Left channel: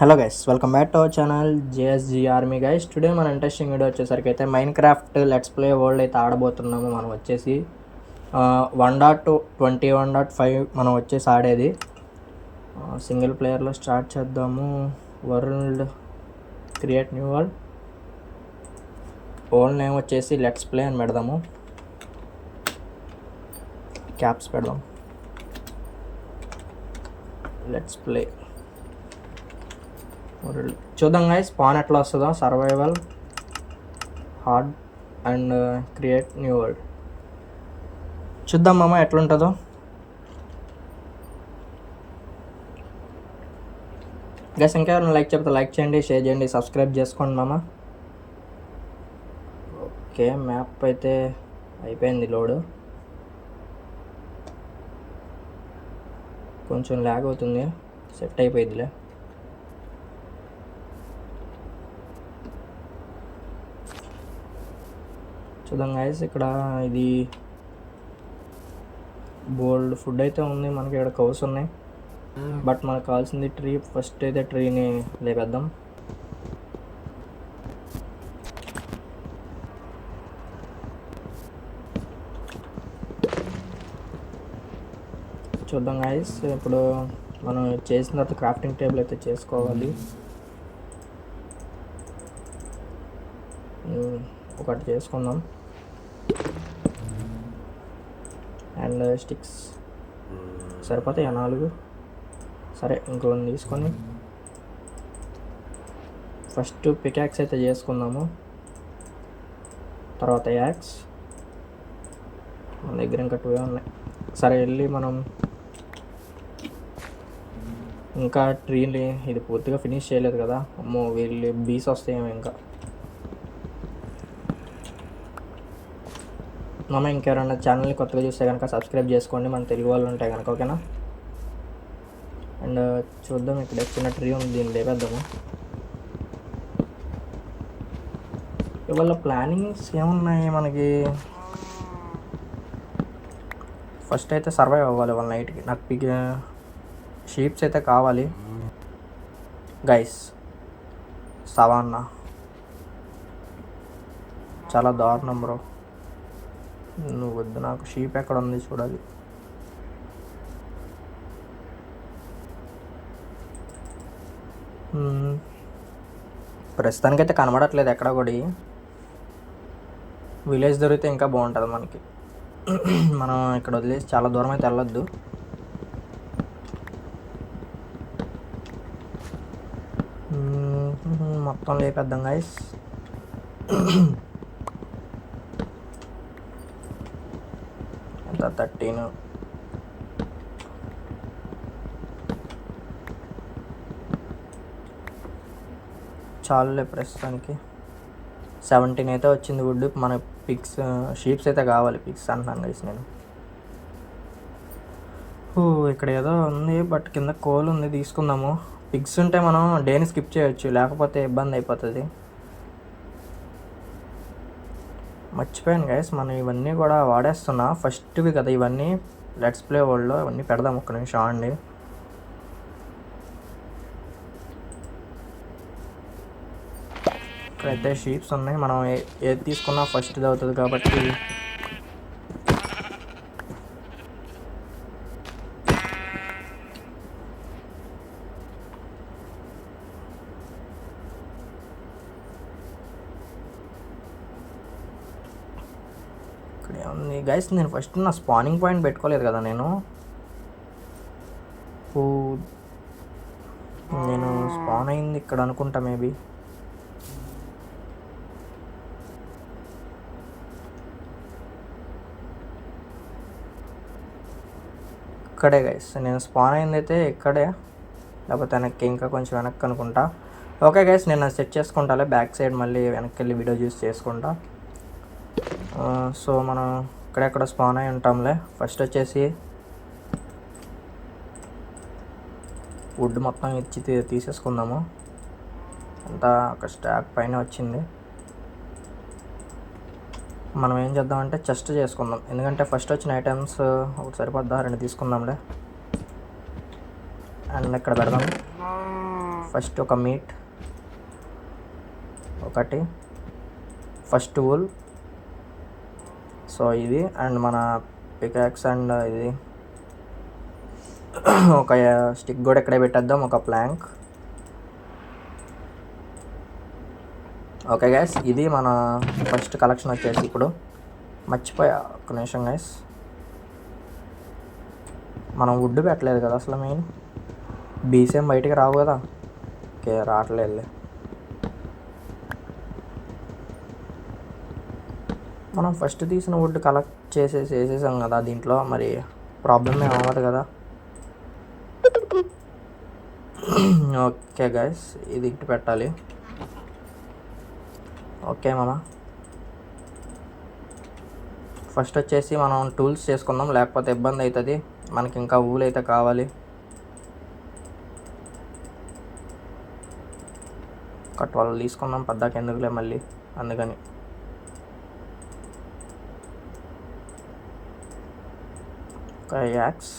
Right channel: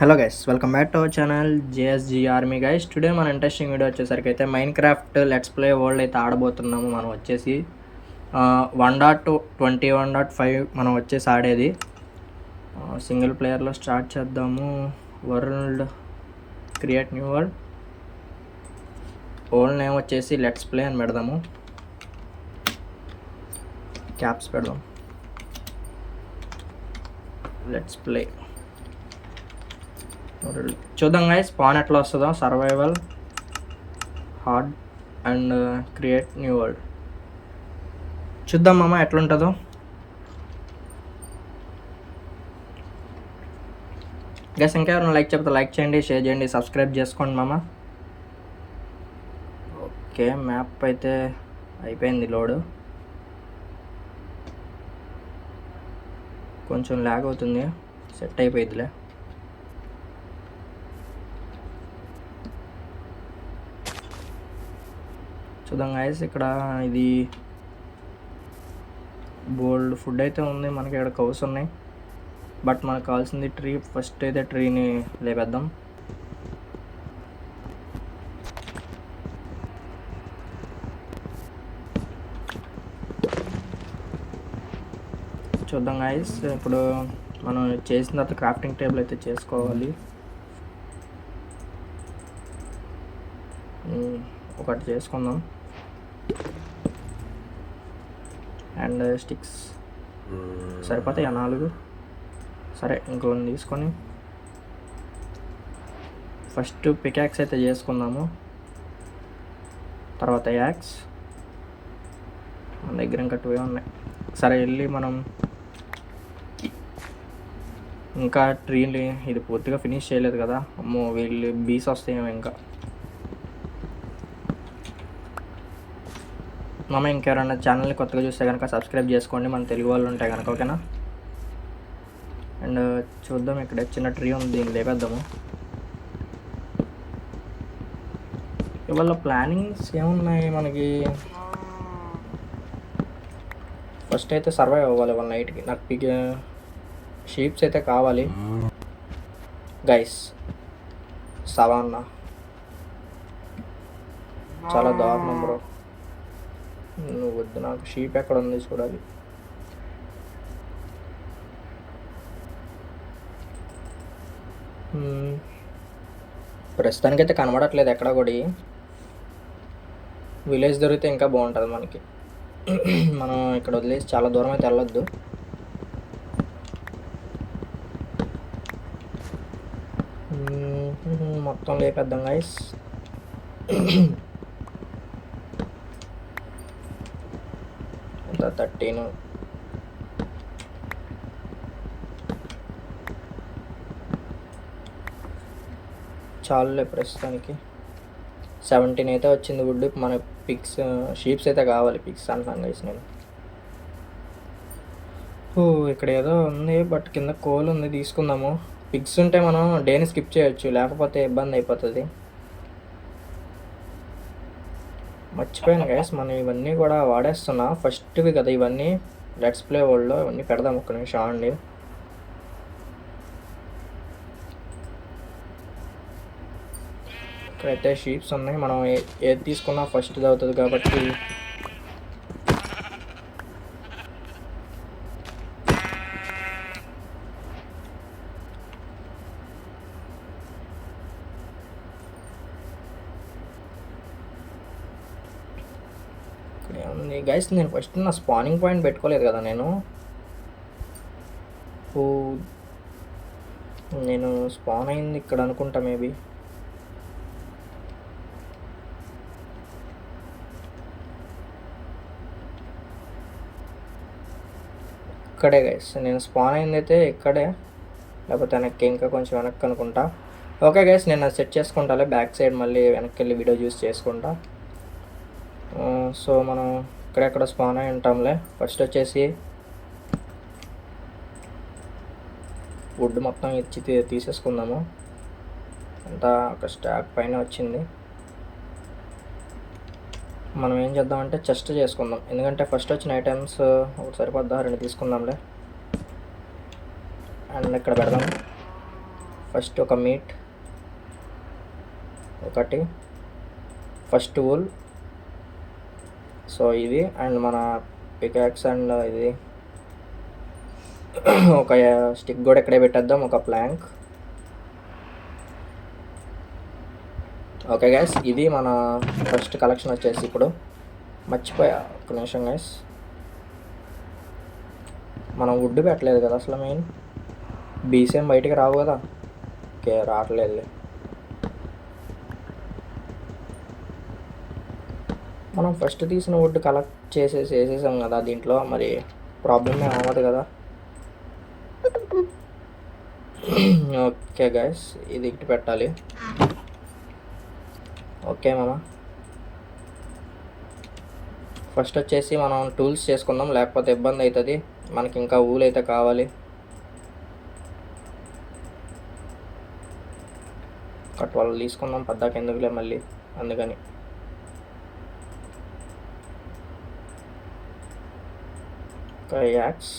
Hello guys, welcome back to our channel JSG army guys. Today మన interesting video వచ్చేసరికి అయితే Minecraft let's play world అయితే ఆడబోతున్నాము. మనం వచ్చేసి 1.21.5 మనం వచ్చేసి ఆడేది సింగిల్ ప్లేయర్లో స్టార్ట్ చేద్దాము. World create new world, old name వచ్చేసి లెట్స్ ప్లే అని పెడదాము. క్యాప్స్ పెడదాం, లెట్స్ ప్లే చూద్దాం గైస్ స్పాన్ ఎట్లా వస్తుందో. Survival, hard and create new world చూద్దాం మామ ఎట్లుంటుందో. గైస్ ఇంకా ఎవరైనా లైక్ చెప్తే లైక్ చేయండి, షేర్ చేయండి, సబ్స్క్రైబ్ చేసుకోండి మామ. ఓకే, మ్యాప్ అయితే అయిపోయింది లోడ్. కొంచెం ల్యాగ్ అవుతుంది, సెట్ అయిపోయిందిలే. చూద్దాం గైస్, ఇక్కడ ఇది బోల్డ్ ఫుడ్ అయితే ఉంది మనకి. ఇక్కడ కౌస్ ఉన్నాయి, బట్ మనకు కావాల్సింది ట్రీ. ఫస్ట్ అయితే ట్రీని లేపేద్దాం. చూద్దాం గైస్, ఇప్పుడు మనం చేసిన తర్వాత క్రాఫ్టింగ్ టేబుల్ అయితే చేసుకోవాలి. ఒకటి చేసుకుందాం. అండ్ స్టిక్స్ సరిపోతాయి 4. సరే, ఇంకొన్ని తీసుకొని ఫస్ట్ పికాక్స్ అయితే చేసుకుందాము. తర్వాత యాక్స్, మన దగ్గర ఇంకా 2 ఉన్నాయి. సరే వెళ్ళి మనం ఇంకా ట్రీని ఇది పూర్తిగా ఫినిష్ చేయలేదు కదా. అమ్మో, వీళ్ళు బీస్ వస్తాయేమో ఇంకా. మామ ఇంకెవరైనా ఛానల్ని కొత్తగా చూస్తే కనుక సబ్స్క్రైబ్ చేసుకోండి, మన తెలుగు వాళ్ళు ఉంటాయి కనుక. ఓకేనా? అండ్ చూద్దాం, ఇక్కడ చిన్న ట్రీ ఉంది, దీన్ని లేపేద్దాము. ఇవాళ ప్లానింగ్స్ ఏమున్నాయి మనకి? ఫస్ట్ అయితే సర్వైవ్ అవ్వాలి వాళ్ళ నైట్కి. నాకు షీప్స్ అయితే కావాలి గైస్. సవాన్నా చాలా దారుణం బ్రో. నువ్వు వద్దు, నాకు షీప్ ఎక్కడ ఉంది చూడాలి. ప్రస్తుతానికైతే కనబడట్లేదు ఎక్కడ కూడా. విలేజ్ దొరికితే ఇంకా బాగుంటుంది మనకి. మనం ఇక్కడ వదిలేసి చాలా దూరం అయితే వెళ్ళొద్దు. మొత్తం లేపేద్దాం గైస్. ఎంత 13 చాలులే ప్రస్తుతానికి. 17 అయితే వచ్చింది వుడ్. మన పిక్స్ షీప్స్ అయితే కావాలి. పిక్స్ అంటున్నాను గైస్ నేను. ఇక్కడ ఏదో ఉంది, బట్ కింద కోల్ ఉంది, తీసుకుందాము. పిక్స్ ఉంటే మనం డేని స్కిప్ చేయొచ్చు, లేకపోతే ఇబ్బంది అయిపోతుంది. మర్చిపోయాను గైస్, మనం ఇవన్నీ కూడా వాడేస్తున్నా. ఫస్ట్వి కదా ఇవన్నీ, లెట్స్ ప్లే వరల్డ్లో ఇవన్నీ పెడదాం. ఒక్క నిమిషం అండి. ఇక్కడైతే షీప్స్ ఉన్నాయి, మనం ఏది తీసుకున్నా ఫస్ట్ది అవుతుంది కాబట్టి. ఉంది గైస్, నేను ఫస్ట్ నా స్పానింగ్ పాయింట్ పెట్టుకోలేదు కదా నేను. నేను స్పాన్ అయింది ఇక్కడ అనుకుంటా, మేబీ. ఇక్కడే గైస్, నేను స్పాన్ అయింది అయితే ఇక్కడే, లేకపోతే వెనక్కి ఇంకా కొంచెం వెనక్కి అనుకుంటా. ఓకే గైస్, నేను సెట్ చేసుకుంటాలే బ్యాక్ సైడ్, మళ్ళీ వెనక్కి వెళ్ళి వీడియో చూసి చేసుకుంటా. సో మనం ఇక్కడెక్కడ స్పాన్ అయి ఉంటాంలే. ఫస్ట్ వచ్చేసి వుడ్ మొత్తం ఇచ్చి తీసేసుకుందాము. అంతా ఒక స్టాక్ పైన వచ్చింది. మనం ఏం చేద్దామంటే చెస్ట్ చేసుకుందాం, ఎందుకంటే ఫస్ట్ వచ్చిన ఐటమ్స్ ఒకటి సరిపోద్దా, 2 తీసుకుందాంలే. అండ్ ఇక్కడ పెడదాం. ఫస్ట్ ఒక మీట్ ఒకటి, ఫస్ట్ వూల్, సో ఇది అండ్ మన పికాక్స్ అండ్ ఇది ఒక స్టిక్ కూడా ఇక్కడే పెట్టేద్దాం, ఒక ప్లాంక్. ఓకే గైస్, ఇది మన ఫస్ట్ కలెక్షన్ వచ్చేసి. ఇప్పుడు మర్చిపోయా ఒక నిమిషం గైస్, మనం వుడ్ పెట్టలేదు కదా అసలు. మెయిన్ బీసేం బయటికి రావు కదా. ఓకే, రావట్లేదు. మనం ఫస్ట్ తీసిన వుడ్ కలెక్ట్ వేసేసాం కదా దీంట్లో, మరి ప్రాబ్లమ్ ఏం అవ్వదు కదా. ఓకే గైస్, ఇది ఇటు పెట్టాలి. ఓకే మామ, ఫస్ట్ వచ్చేసి మనం టూల్స్ చేసుకుందాం, లేకపోతే ఇబ్బంది అవుతుంది మనకి. ఇంకా ఊలు అయితే కావాలి. ఒక 12 తీసుకుందాం, పద్దాక ఎందుకులే మళ్ళీ, అందుకని. ఒక యాక్స్,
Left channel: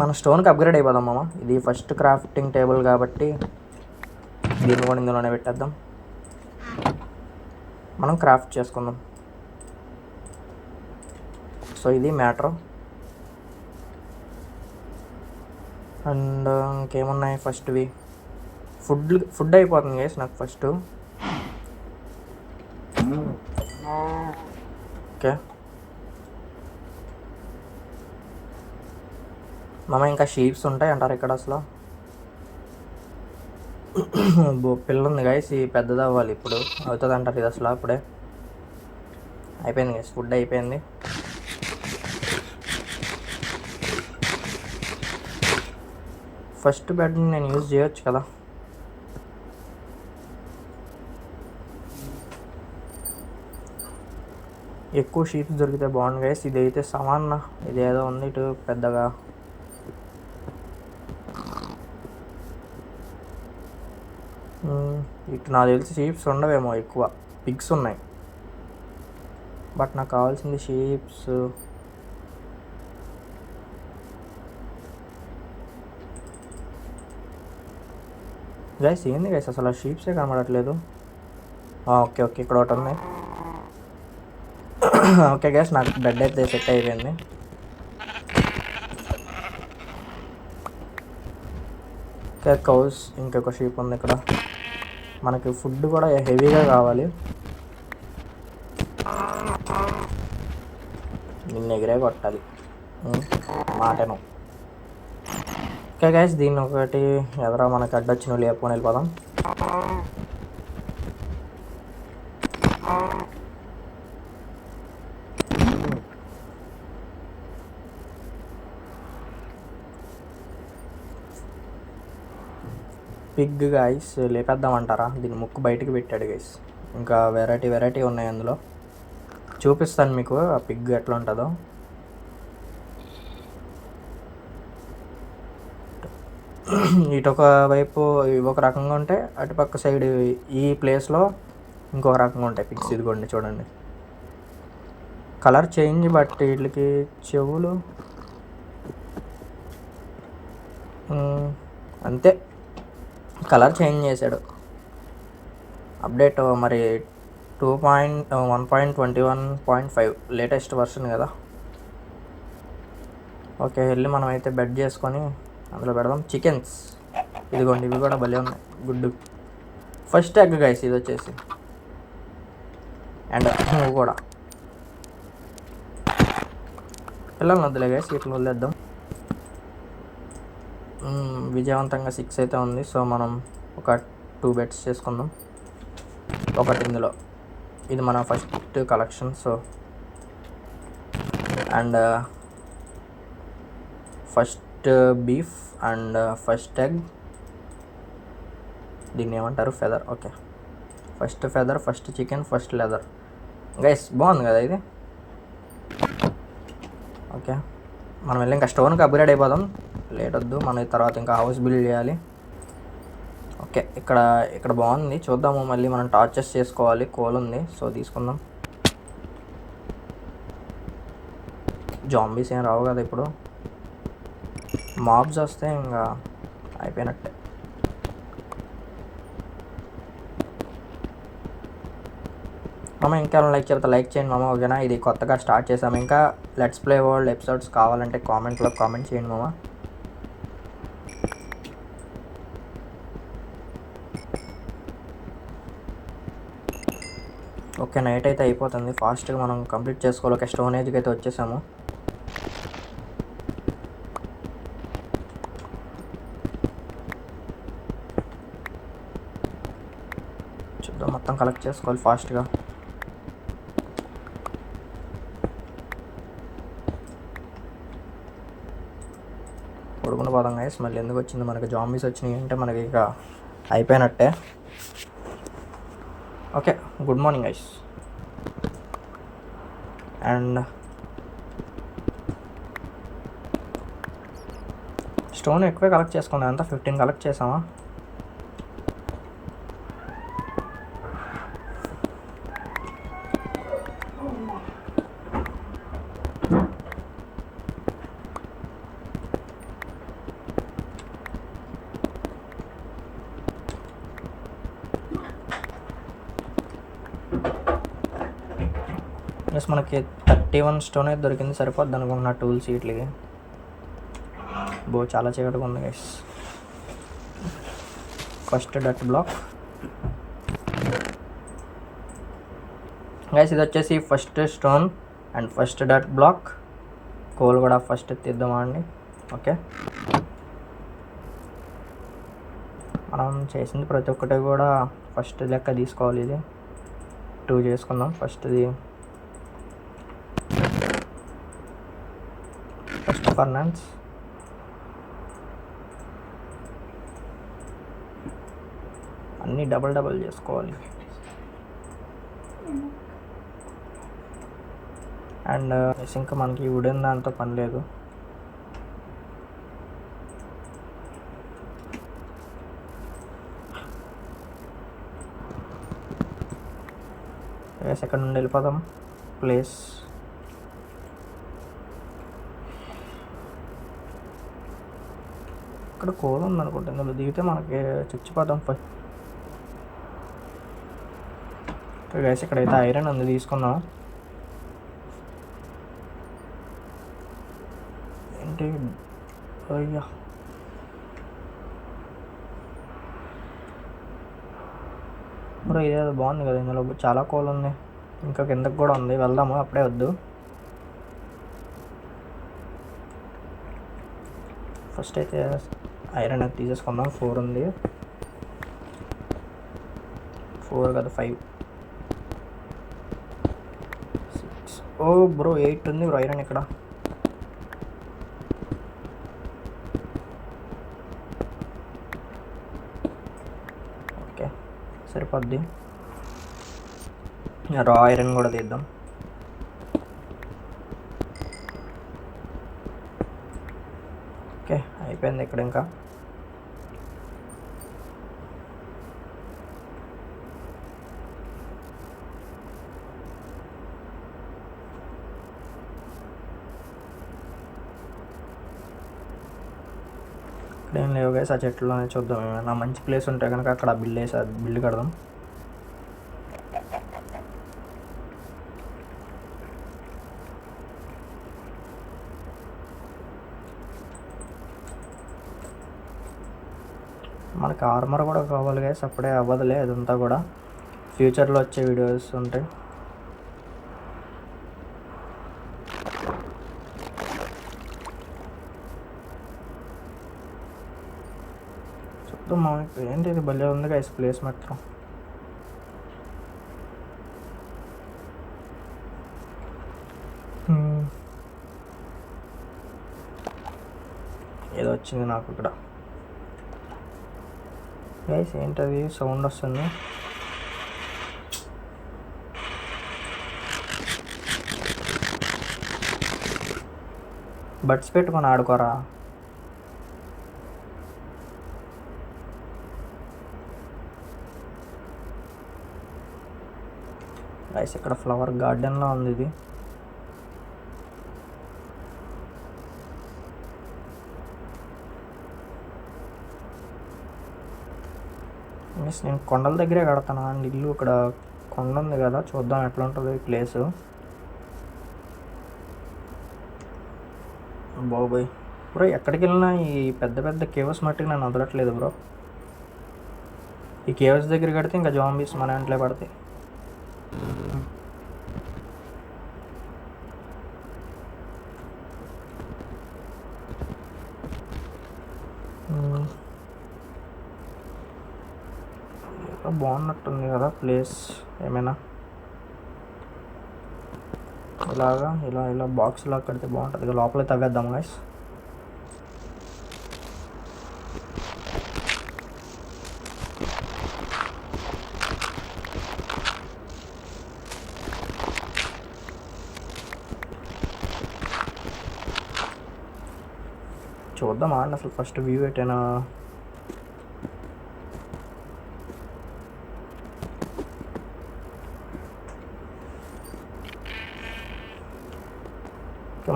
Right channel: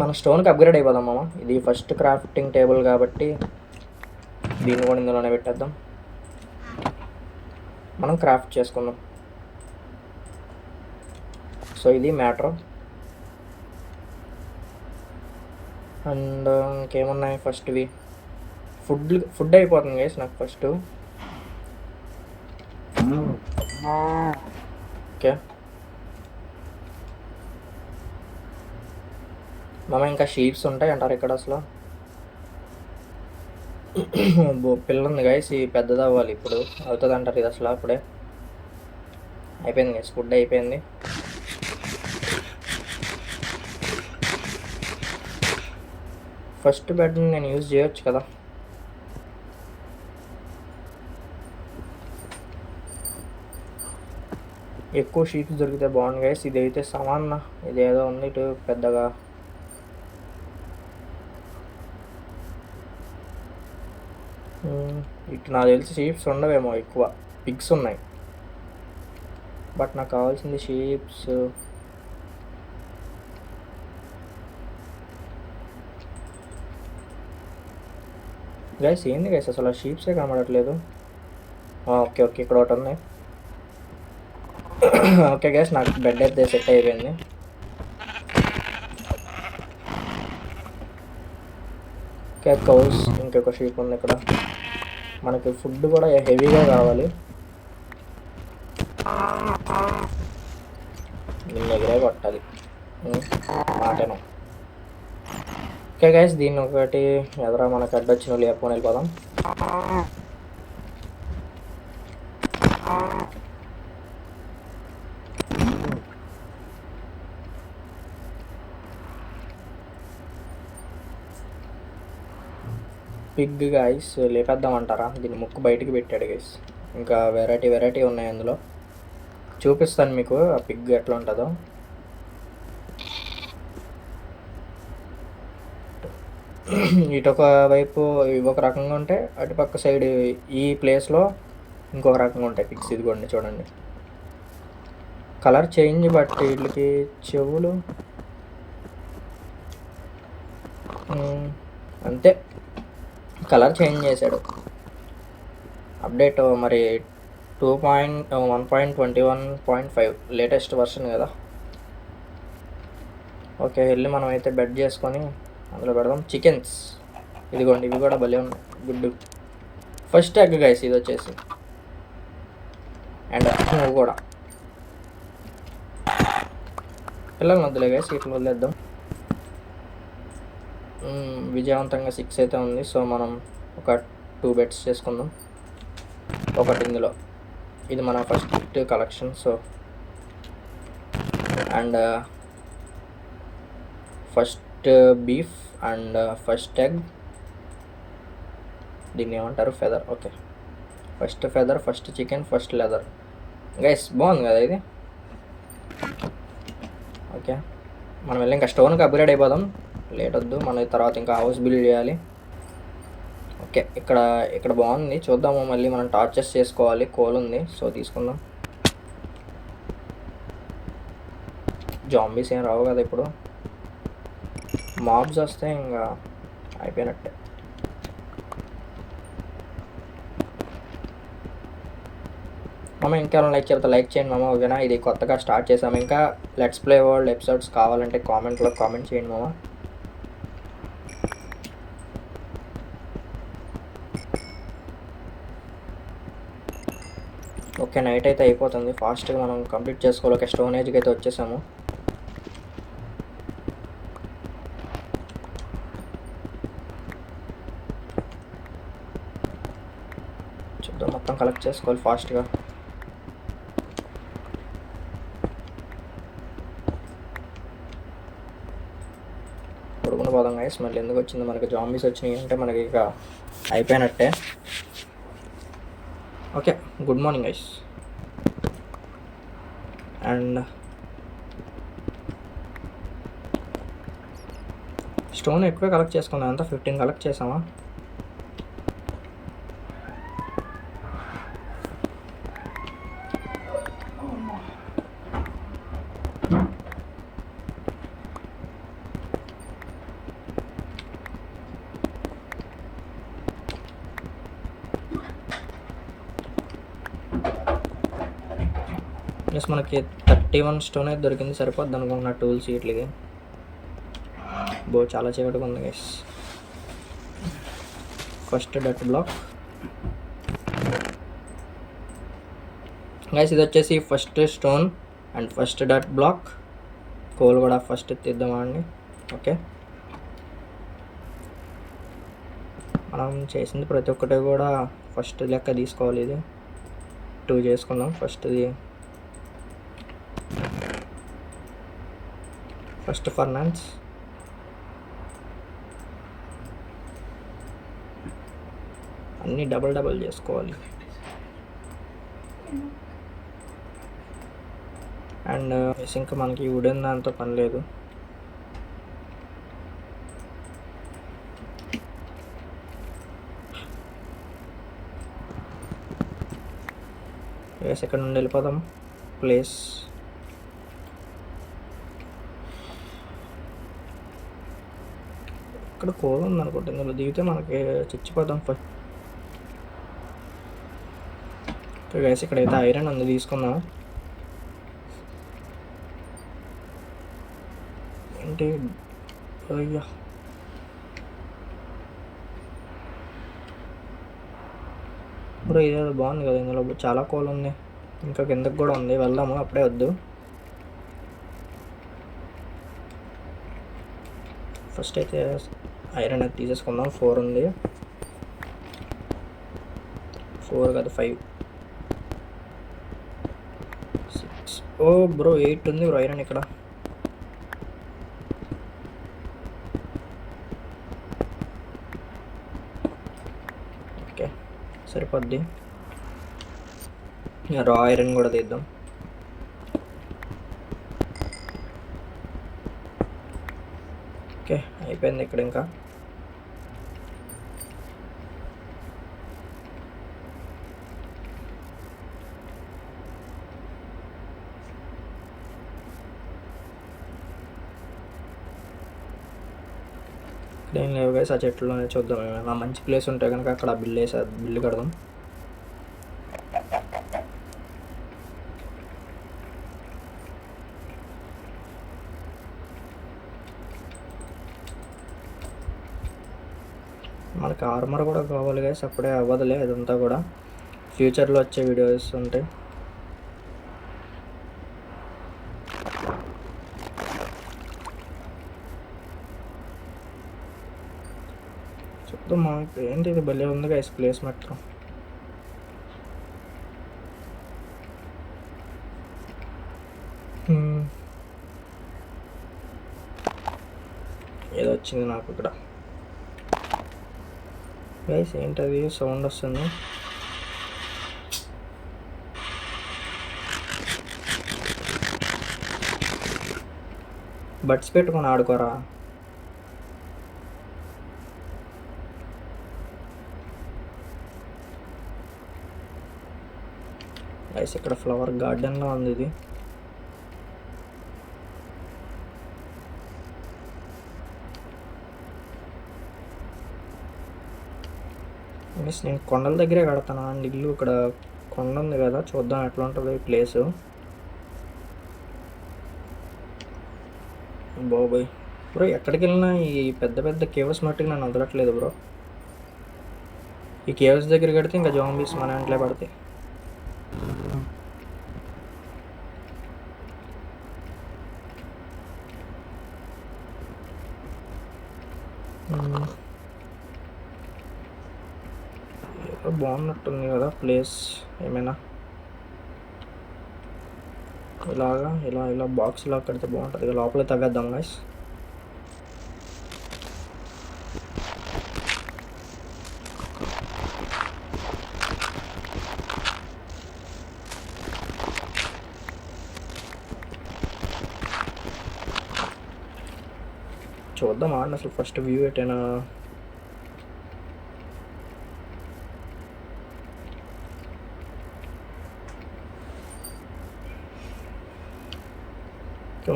మన స్టోన్కి అప్గ్రేడ్ అయిపోదాం మామ. ఇది ఫస్ట్ క్రాఫ్టింగ్ టేబుల్ కాబట్టి దీన్ని కూడా ఇందులోనే పెట్టేద్దాం. మనం క్రాఫ్ట్ చేసుకుందాం. సో ఇది మ్యాటర్. అండ్ ఇంకేమున్నాయి ఫస్ట్వి? ఫుడ్ అయిపోతుంది గైస్ నాకు ఫస్ట్. ఓకే మామ, ఇంకా షీప్స్ ఉంటాయి అంటారు ఇక్కడ అసలు. పిల్ల ఉంది గైస్, ఈ పెద్దది అవ్వాలి ఇప్పుడు, అవుతుంది అంటారు ఇది అసలు. అప్పుడే అయిపోయింది గైస్, ఫుడ్ అయిపోయింది. ఫస్ట్ బెడ్ని నేను యూజ్ చేయొచ్చు కదా. ఎక్కువ షీప్స్ దొరికితే బాగుంది గైస్. ఇది అయితే సమాన, ఇదేదో ఉంది ఇటు పెద్దగా. ఇటు నాకు తెలిసి షీప్స్ ఉండవేమో, ఎక్కువ పిగ్స్ ఉన్నాయి. బట్ నాకు కావాల్సింది షీప్స్. గైస్ ఏంది గైస్ అసలు, షీప్సే కనబడట్లేదు. ఓకే ఓకే, ఇక్కడ ఒకటి ఉంది. ఓకే గైస్, నాకు బెడ్ అయితే సెట్ అయిపోయింది. ఓకే, కౌస్, ఇంకొక షీప్ ఉంది ఇక్కడ. మనకి ఫుడ్ కూడా హెవీగా కావాలి. దీన్ని ఎగిరే కొట్టాలి మాటను. ఓకే గైస్, దీన్ని ఒకటి ఎదరా మనకి అడ్డొచ్చిన లేపుకొని వెళ్ళిపోదాం. పిగ్ గైస్ లేపేద్దామంటారా? దీన్ని ముక్కు బయటికి పెట్టాడు గైస్. ఇంకా వెరైటీ ఉన్నాయి అందులో, చూపిస్తాను మీకు ఆ పిగ్ ఎట్లా ఉంటుందో. ఇటొక వైపు ఒక రకంగా ఉంటే, అటుపక్క సైడ్ ఈ ప్లేస్లో ఇంకొక రకంగా ఉంటాయి పిగ్స్. ఇదిగోండి చూడండి, కలర్ చేంజ్. బట్ వీటికి చెవులు అంతే, కలర్ చేంజ్ చేశాడు. అప్డేట్ మరి 1.21.5 లేటెస్ట్ వర్షన్ కదా. ఓకే, వెళ్ళి మనం అయితే బెడ్ చేసుకొని అందులో పెడదాం. చికెన్స్ ఇదిగోండి, ఇవి కూడా భలే ఉన్నాయి, గుడ్డు. ఫస్ట్ ఎగ్ గైస్ ఇది వచ్చేసి, అండ్ ఇవి కూడా పిల్లలు వద్దులే గైస్, ఇట్లా వదిలేద్దాం. విజయవంతంగా 6 అయితే ఉంది. సో మనం ఒక 2 బెడ్స్ చేసుకుందాం. ఒకటి ఇందులో, ఇది మన first collection. So and first beef and first egg, దీన్ని ఏమంటారు, feather. Okay, first feather, first chicken, first leather. Guys బాగుంది కదా ఇది. ఓకే, మనం వెళ్ళి ఇంకా స్టోన్కి అప్గ్రేడ్ అయిపోదాం, లేట్ వద్దు. మన తర్వాత ఇంకా హౌస్ బిల్డ్ చేయాలి. ఓకే, ఇక్కడ బాగుంది, చూద్దాము. మళ్ళీ మనం టార్చెస్ చేసుకోవాలి, కోల్ ఉంది, సో తీసుకుందాం. జాంబీస్ ఏం రావు కదా ఇప్పుడు, మాబ్స్ వస్తే ఇంకా అయిపోయినట్టే. మామ ఇంకా లైక్ చెప్తా లైక్ చేయండి మామ, ఓకేనా? ఇది కొత్తగా స్టార్ట్ చేసాము. ఇంకా లెట్స్ ప్లే వరల్డ్ ఎపిసోడ్స్ కావాలంటే కామెంట్లో కామెంట్ చేయండి మామ. ఓకే, నైట్ అయితే అయిపోతుంది, ఫాస్ట్గా మనం కంప్లీట్ చేసుకోవాలి. ఓకే, స్టోన్ ఏజ్కి అయితే వచ్చేసాము. చూద్దాం, మొత్తం కలెక్ట్ చేసుకోవాలి ఫాస్ట్గా. పడుకుని పోదాం గైస్. మళ్ళీ ఎందుకు వచ్చింది మనకి, జాంబీస్ వచ్చినాయి అంటే మనకి ఇక అయిపోయినట్టే. Okay, good morning guys. And stone ఎక్కువే కలెక్ట్ చేసుకున్నాం, అంతా 15 కలెక్ట్ చేసామా? ప్లస్ మనకి 31 స్టోన్ అయితే దొరికింది, సరిపోద్ది అనుకున్న టూల్స్ వీటికి. చాలా చీకటిగా ఉంది గైస్. ఫస్ట్ డట్ బ్లాక్ గైస్, ఇది వచ్చేసి ఫస్ట్ స్టోన్ అండ్ ఫస్ట్ డట్ బ్లాక్. కోల్ కూడా ఫస్ట్ తీద్దామా అండి? ఓకే, మనం చేసింది ప్రతి ఒక్కటి కూడా ఫస్ట్ లెక్క తీసుకోవాలి. ఇది 2 చేసుకుందాం. ఫస్ట్ ఫర్నాన్స్, అన్నీ డబల్ చేసుకోవాలి. అండ్ ఇంకా మనకి వుడెన్ దాంతో పని లేదు. సెకండ్ నుండి వెళ్ళిపోదాం ప్లేస్. ఇక్కడ కోల్ ఉంది అనుకుంటుంది, ఇందులో దిగితే మనకి చచ్చిపోదాం ఫస్ట్. గైస్, ఇక్కడైతే ఐరన్ ఉంది, తీసుకుందాం. ఏంటి అయ్యా, బ్రో ఇదేదో బాగుంది కదా, ఇందులో చాలా కోల్ ఉంది, ఇంకా కిందకి కూడా ఉంది. వెళ్దాము, అప్పుడే వద్దు. ఫస్ట్ అయితే ఐరన్ అది తీసేసుకుందాం. 4 ఉంది, 4 కదా 5, 6. ఓ బ్రో 8 ఉంది బ్రో ఐరన్ ఇక్కడ. ఓకే, సరిపోద్ది. రా ఐరన్ కూడా తీద్దాం. ఓకే, అయిపోయింది ఇక్కడ. ఇంకా ఇక్కడ ఏం లేవు గైస్, ఆ చెట్లులోనే చూద్దాం. ఏమైనా మంచి ప్లేస్ ఉంటే కనుక అక్కడ బిల్లు కడదాం. మనకి ఆర్మర్ కూడా కావాలి గైస్, అప్పుడే అవ్వదులే, అదంతా కూడా ఫ్యూచర్లో వచ్చే వీడియోస్ ఉంటాయి. చూద్దాం ఏంటి, ఇది భలే ఉంది గైస్ ప్లేస్ మాత్రం. ఏదో వచ్చింది నాకు ఇక్కడ గైస్. ఏంటది సౌండ్ వస్తుంది? బడ్స్ పెట్టుకొని ఆడుకోరా. గైస్, ఇక్కడ ఫ్లవర్ గార్డెన్లో ఉంది ఇది. నేను కొండల దగ్గరే కడతాను అండి ఇల్లు. ఇక్కడ కొండ ఉంది కదా, చూద్దాం ఎట్లా ఉంటుంది ఈ ప్లేసు. బాబోయ్ బ్రో, ఎక్కడికి వెళ్ళినా ఈ పెద్ద పెద్ద కేవ్స్ మట్టికి నన్ను వదలట్లేదు బ్రో. ఈ కేవ్స్ దగ్గర కడితే ఇంకా జాంబీస్ మన ఇంట్లో పడతాయి. ఏదో బాగున్నట్టుంది కదా ప్లేస్. ఏమైనా ఇలాగా ఇలా ఇలా బాక్స్ ఇలా కడితే బాగుంటుంది. ఇక లోపల తవ్వేద్దాం గైస్. చూద్దాం ఆడిన అసలు ఫస్ట్ వ్యూ ఎటైనా.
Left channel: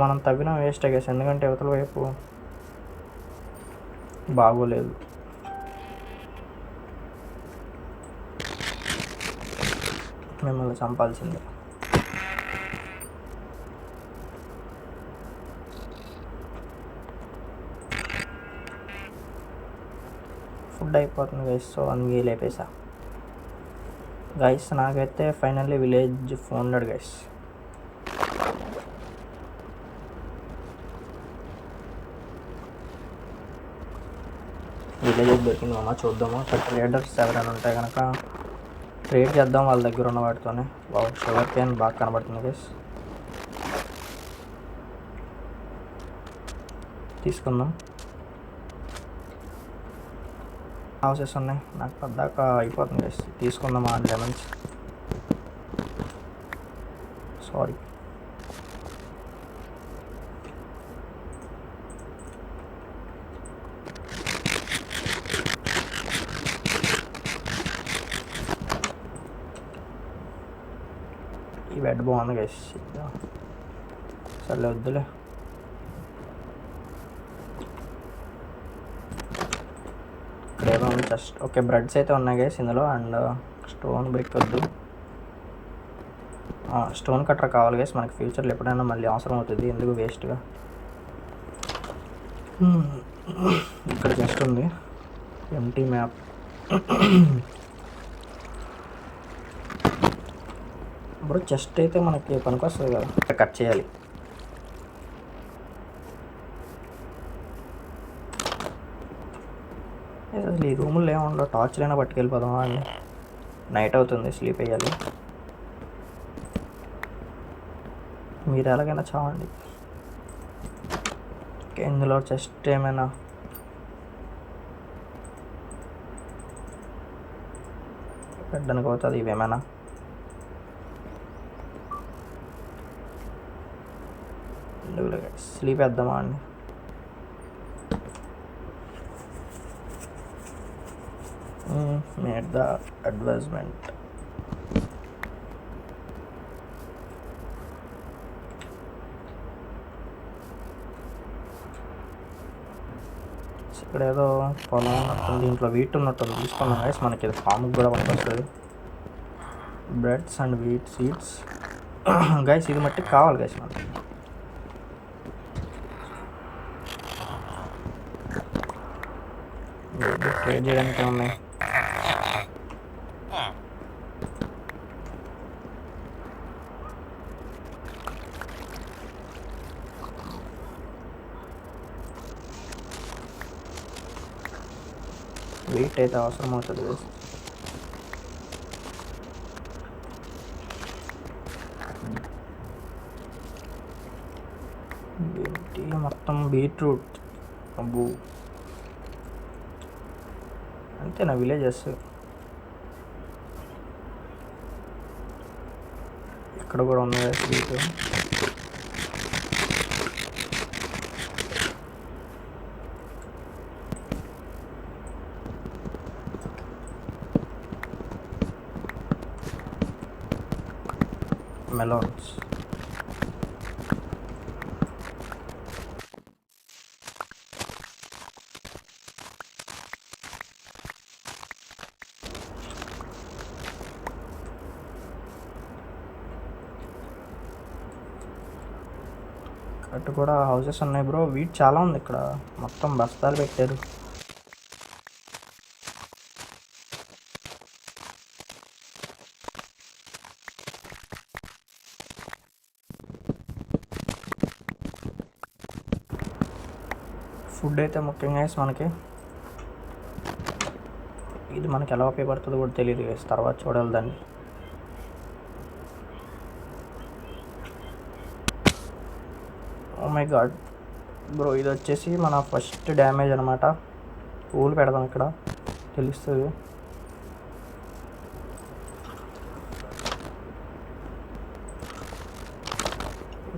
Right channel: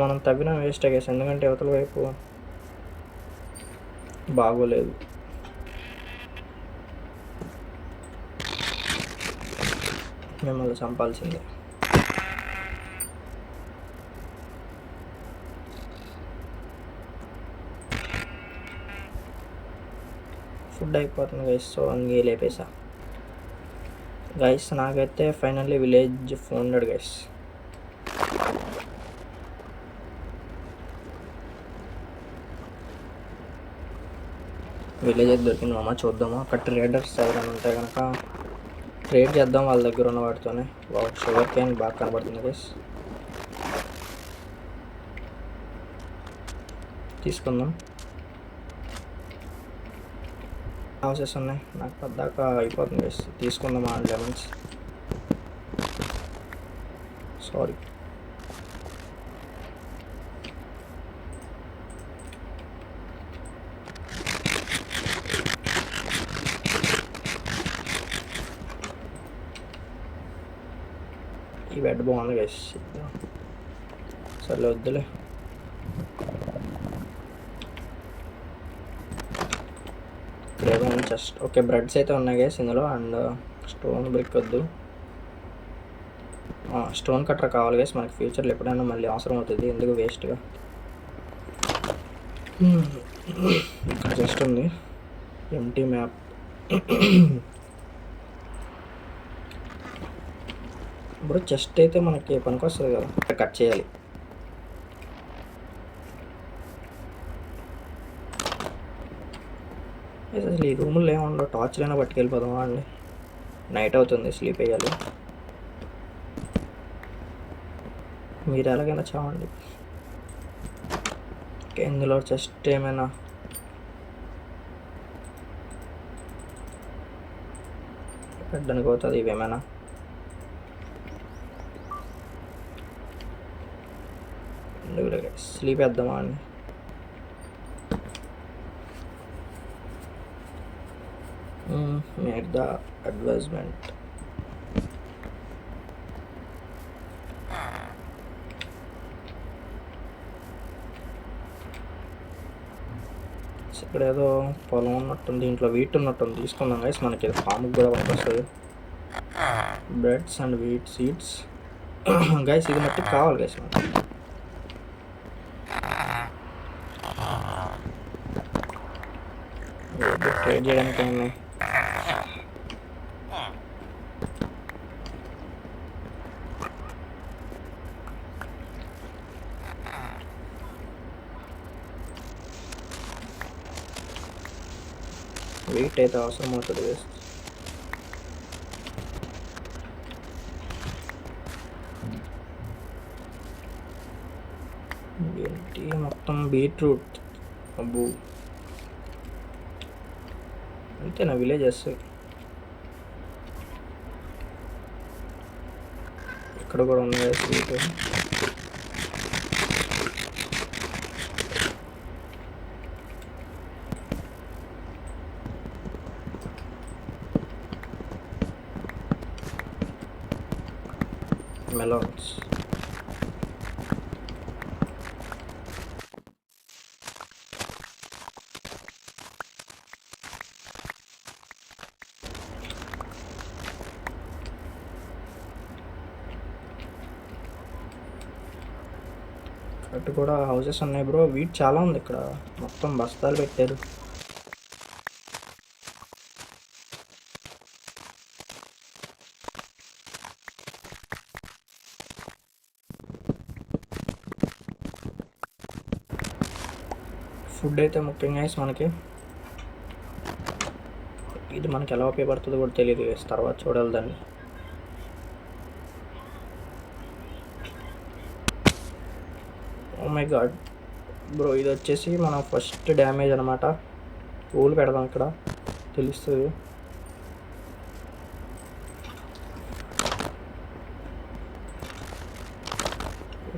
మనం తవ్విన వేస్ట్ అయ్యేసి, ఎందుకంటే యువతల వైపు బాగోలేదు. మిమ్మల్ని చంపాల్సిందే. ఫుడ్ అయిపోతుంది గైస్, సో అందుకే లేపేసా గైస్. నాకైతే finally village founded guys. Village దొరికింది మామ, చూద్దామా. అక్కడ ట్రేడర్స్ ఎవరైనా ఉంటే కనుక ట్రేడ్ చేద్దాం వాళ్ళ దగ్గర ఉన్న వాటితోనే. షుగర్ క్యాన్ బాగా కనబడుతుంది గైస్, తీసుకుందాం. హౌసెస్ ఉన్నాయి నాకు పద్దాక అయిపోతుంది గైస్. తీసుకుందామా అండ్ లెమన్స్. సారీ, ఈ బెడ్ బాగుంది గైస్. సర్లే వద్దులే. ఇక్కడేమో జస్ట్ ఓకే బ్రెడ్స్ అయితే ఉన్నాయి గైస్ ఇందులో. అండ్ స్టోన్ బ్రిక్ వద్దు, స్టోన్ కట్టర్ కావాలి గైస్ మనకి. ఫ్యూచర్లో ఎప్పుడైనా మళ్ళీ అవసరం అవుతుంది, ఎందుకు వేస్ట్గా. ఇక్కడ జస్ట్ ఉంది ఎంటీ మ్యాప్. బ్రో చెస్ట్ అయితే మనకి పనికి వస్తుంది కదా, కట్ చేయాలి. అసలు ఈ రూముల్లో ఏముండవు, టార్చ్లైనా పట్టుకెళ్ళిపోదామా అని. నైట్ అవుతుంది, స్లీప్ వేయాలి. మీరు ఎలాగైనా చావండి. ఇందులో చెస్ట్ ఏమైనా పెట్టడానికి అవుతుంది, ఇవేమైనా. స్లీప్ వేద్దామా అండి. Made the advertisement. ఇక్కడ ఏదో పొలం ఉన్నట్టుంది, దీంట్లో వీట్ ఉన్నట్టుంది. తీసుకున్నాం గైస్, మనకి ఇది ఫామ్కి కూడా పనికొస్తుంది. Breads and wheat seeds guys. ఇది మట్టి కావాలి గైస్ నాకు. ట్రేడ్ చేయడానికి ఉన్నాయి. వెయిట్ అయితే అవసరం అవుతుంది. ఏంటి మొత్తం బీట్రూట్. అబ్బు అంతేనా విలేజెస్? ఇక్కడ కూడా ఉన్నాయి స్వీట్. మెలోన్స్. అటు కూడా హౌసెస్ ఉన్నాయి బ్రో. వీట్ చాలా ఉంది ఇక్కడ, మొత్తం బస్తాలు పెట్టారు. ఫుడ్ అయితే ముఖ్యంగా మనకి ఇది మనకి ఎలా ఉపయోగపడుతుందో కూడా తెలియదు, తర్వాత చూడాలి దాన్ని. ఓ మై గాడ్ బ్రో, ఇది వచ్చేసి మన ఫస్ట్ డ్యామేజ్ అనమాట. పూలు పెడదాం ఇక్కడ, తెలుస్తుంది.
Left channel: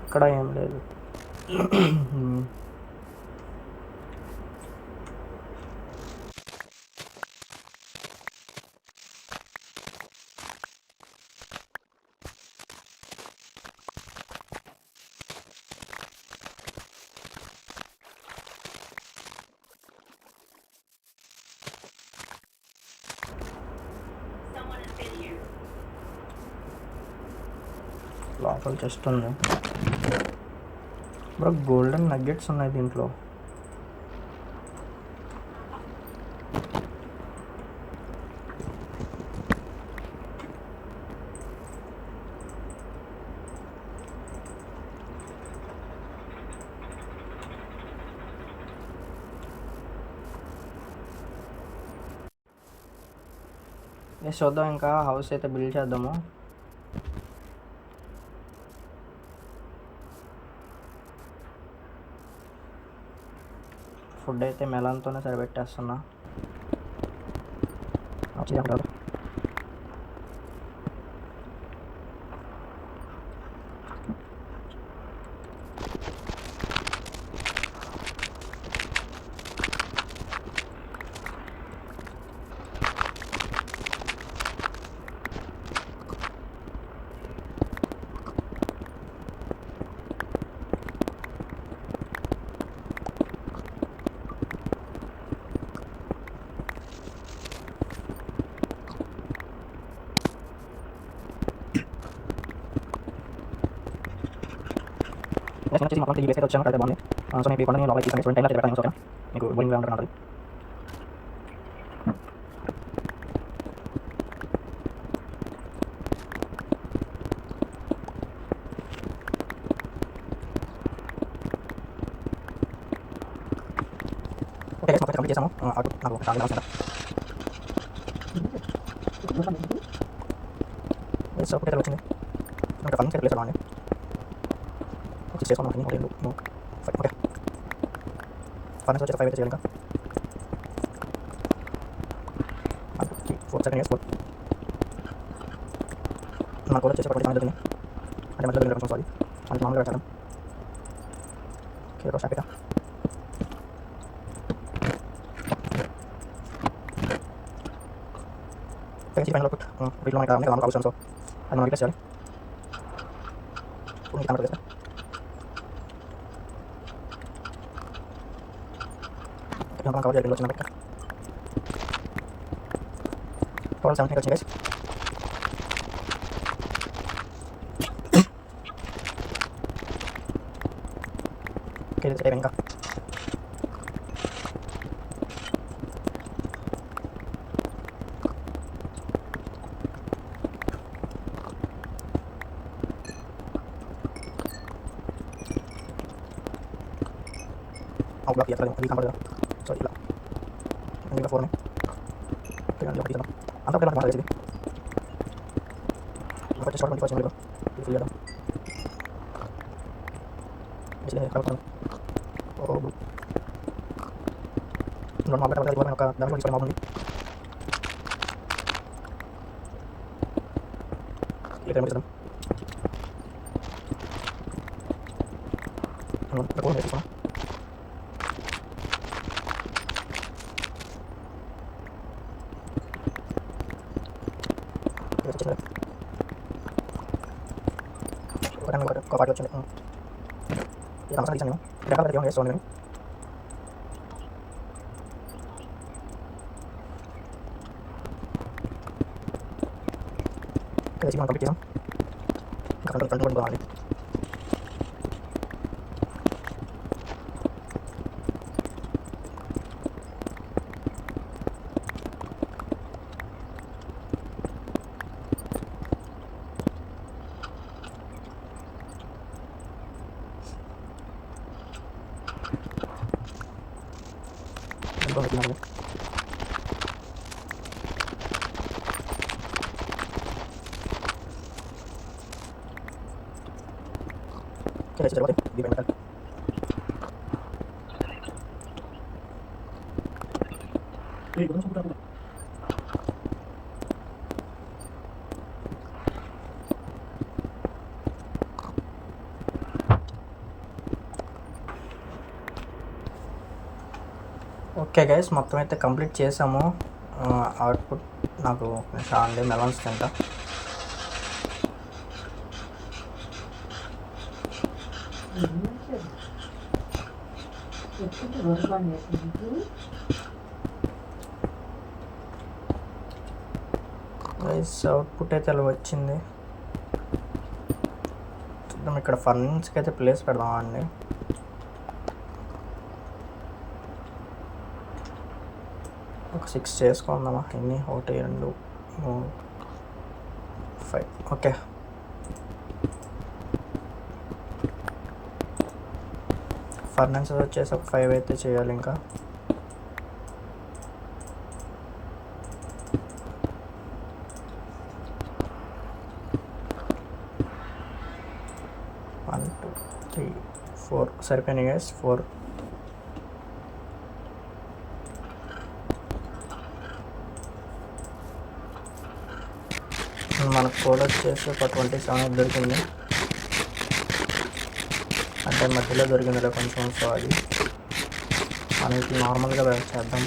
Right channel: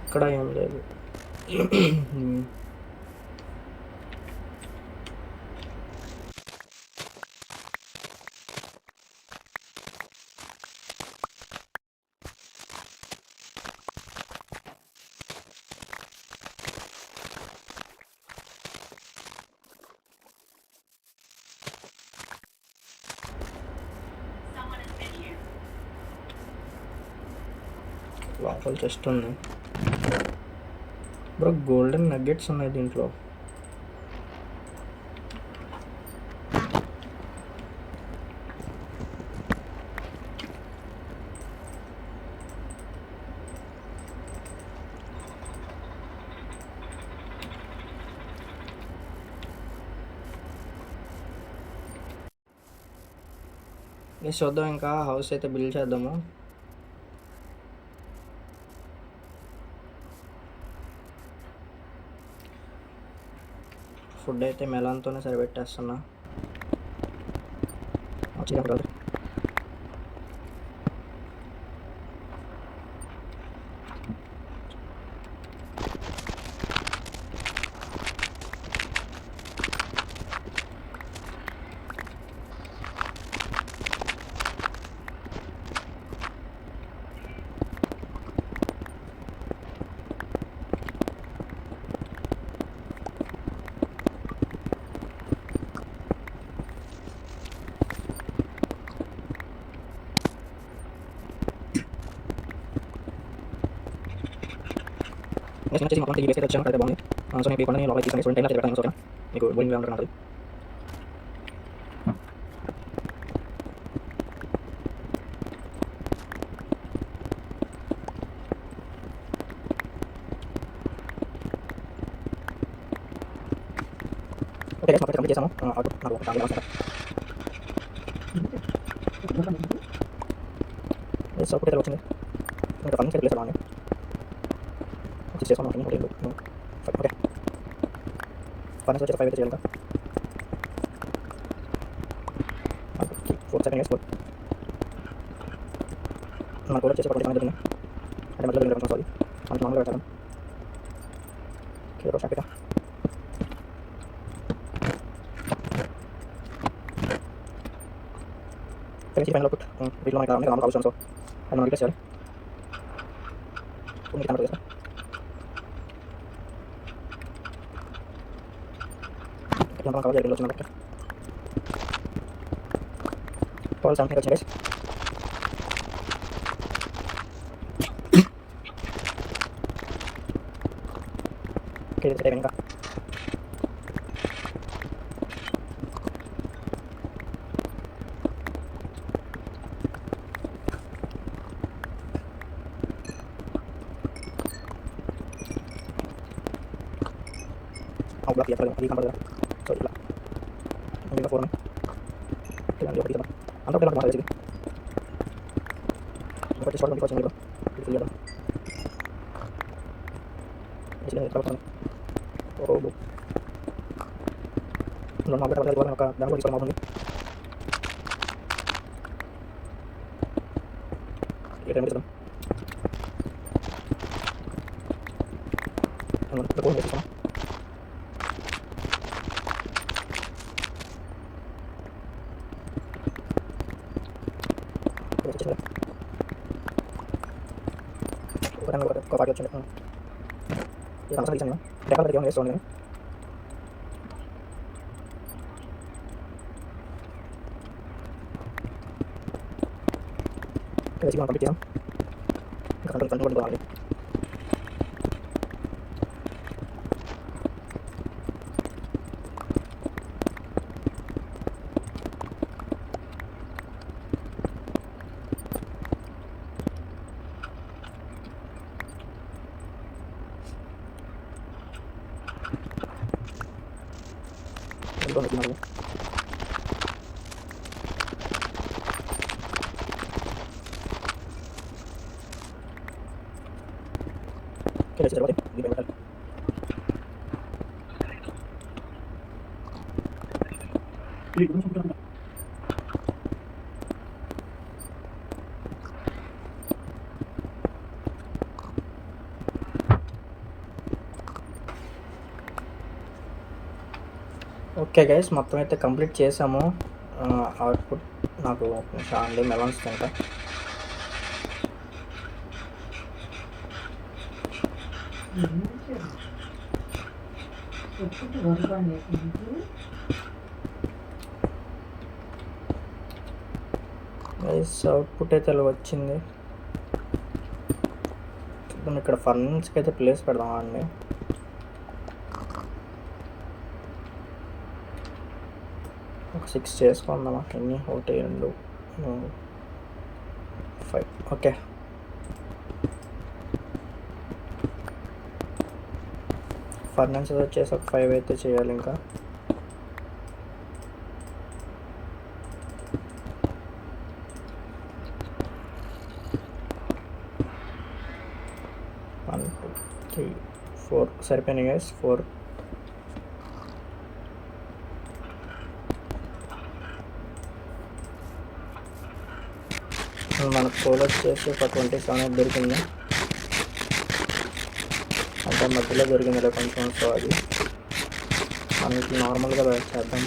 ఇక్కడ ఏం లేదు. లోపల చెస్ట్ ఉంది బ్రో. గోల్డెన్ నగ్గెట్స్ ఉన్నాయి దీంట్లో. చూద్దాం, ఇంకా హౌస్ అయితే బిల్డ్ చేద్దాము. ఫుడ్ అయితే మెలాన్తోనే సరిపెట్టేస్తున్నా. వచ్చేసి మొత్తం టీవీ వేసి వచ్చాను, అయితే బాగుంది. సో మీకు కొండ లోపలికి తీసుకొని టైంలో పెడతాను. ఓకే, మీకు బోరింగ్గా ఉంటుంది. ఓకే మొత్తం కంప్లీట్ చేసాము. నాకు ఒక చాలా అవసరం. సౌకర్యం వచ్చింది, ఇంకా ఫంక్షన్ ప్లేస్ బాగుంది. చేసుకున్నాం. ఓకే ఫైనాన్స్ వచ్చి 5 అయితే చేయాలి. ఇంకా 4 సెకండ్ 4 నాకు కూడా చేసే పడి దొరికింది. అంటే మధ్యలో వెళ్ళడం సారీ అంటే మామూలుగా పెట్టాను. ఓకే రోజు హ్యాపీగా తెలిసి పైన వీటిలో అయితే మామూలు అవసరం. సో అది మనం చేయాలి. మీకు కనపడదు సార్. మనం కవర్ చేయాలి. వచ్చిన లెక్క 12 వచ్చింది గైస్. ఓకే ఇది ఇంకా బ్లాక్ చేయాలి. ఇది కనపడదు. సో ఇలా ఇంకా 4 ఒకటి అంతా ఒకటే మాట ఇది. ఒకటి షార్ట్ వచ్చింది బ్రో. ఇది ఫుల్ చేయడం ఓ మామూలుగా ఒక దాని కూడా తీసుకోవడం అవుతుంది. ఏ టైం చేద్దాం. తీసుకోండి. ఒక పార్టీ వచ్చింది. ఇది అవసరం తీసాను. డెవలప్ ఏమైనా వేసుకోండి. నేను వేసి మనం కంప్లీట్ చేద్దాం. ఇంకా కంట్రోల్ బాగుంది. ఓకే గైస్, మొత్తం అయితే కంప్లీట్ చేసాము. అవుట్పుట్ నాకు ఆన్లీ మెలన్స్ తింటా. గైస్ అవుట్పుట్ అయితే అలా వచ్చింది. చూద్దాం, ఇక్కడ ఫర్నిచర్కి అయితే ప్లేస్ పెడదామండి. ఒక 6 చేసుకుందామా? ఎన్ని? 1 2 3 5. ఓకే, ఫర్నిచర్ వచ్చేసి ఒక 5 అయితే చేయాలి. ఇంకా వన్ 2 3 4 సరిపోయినాయి గైస్. 4. మనకు కోడ్ వచ్చేసి ఒక 27 దొరికింది, అంటే మధ్యలో దొరికింది కొంచెం. సో అది మనకి నార్మల్గా చేద్దాం.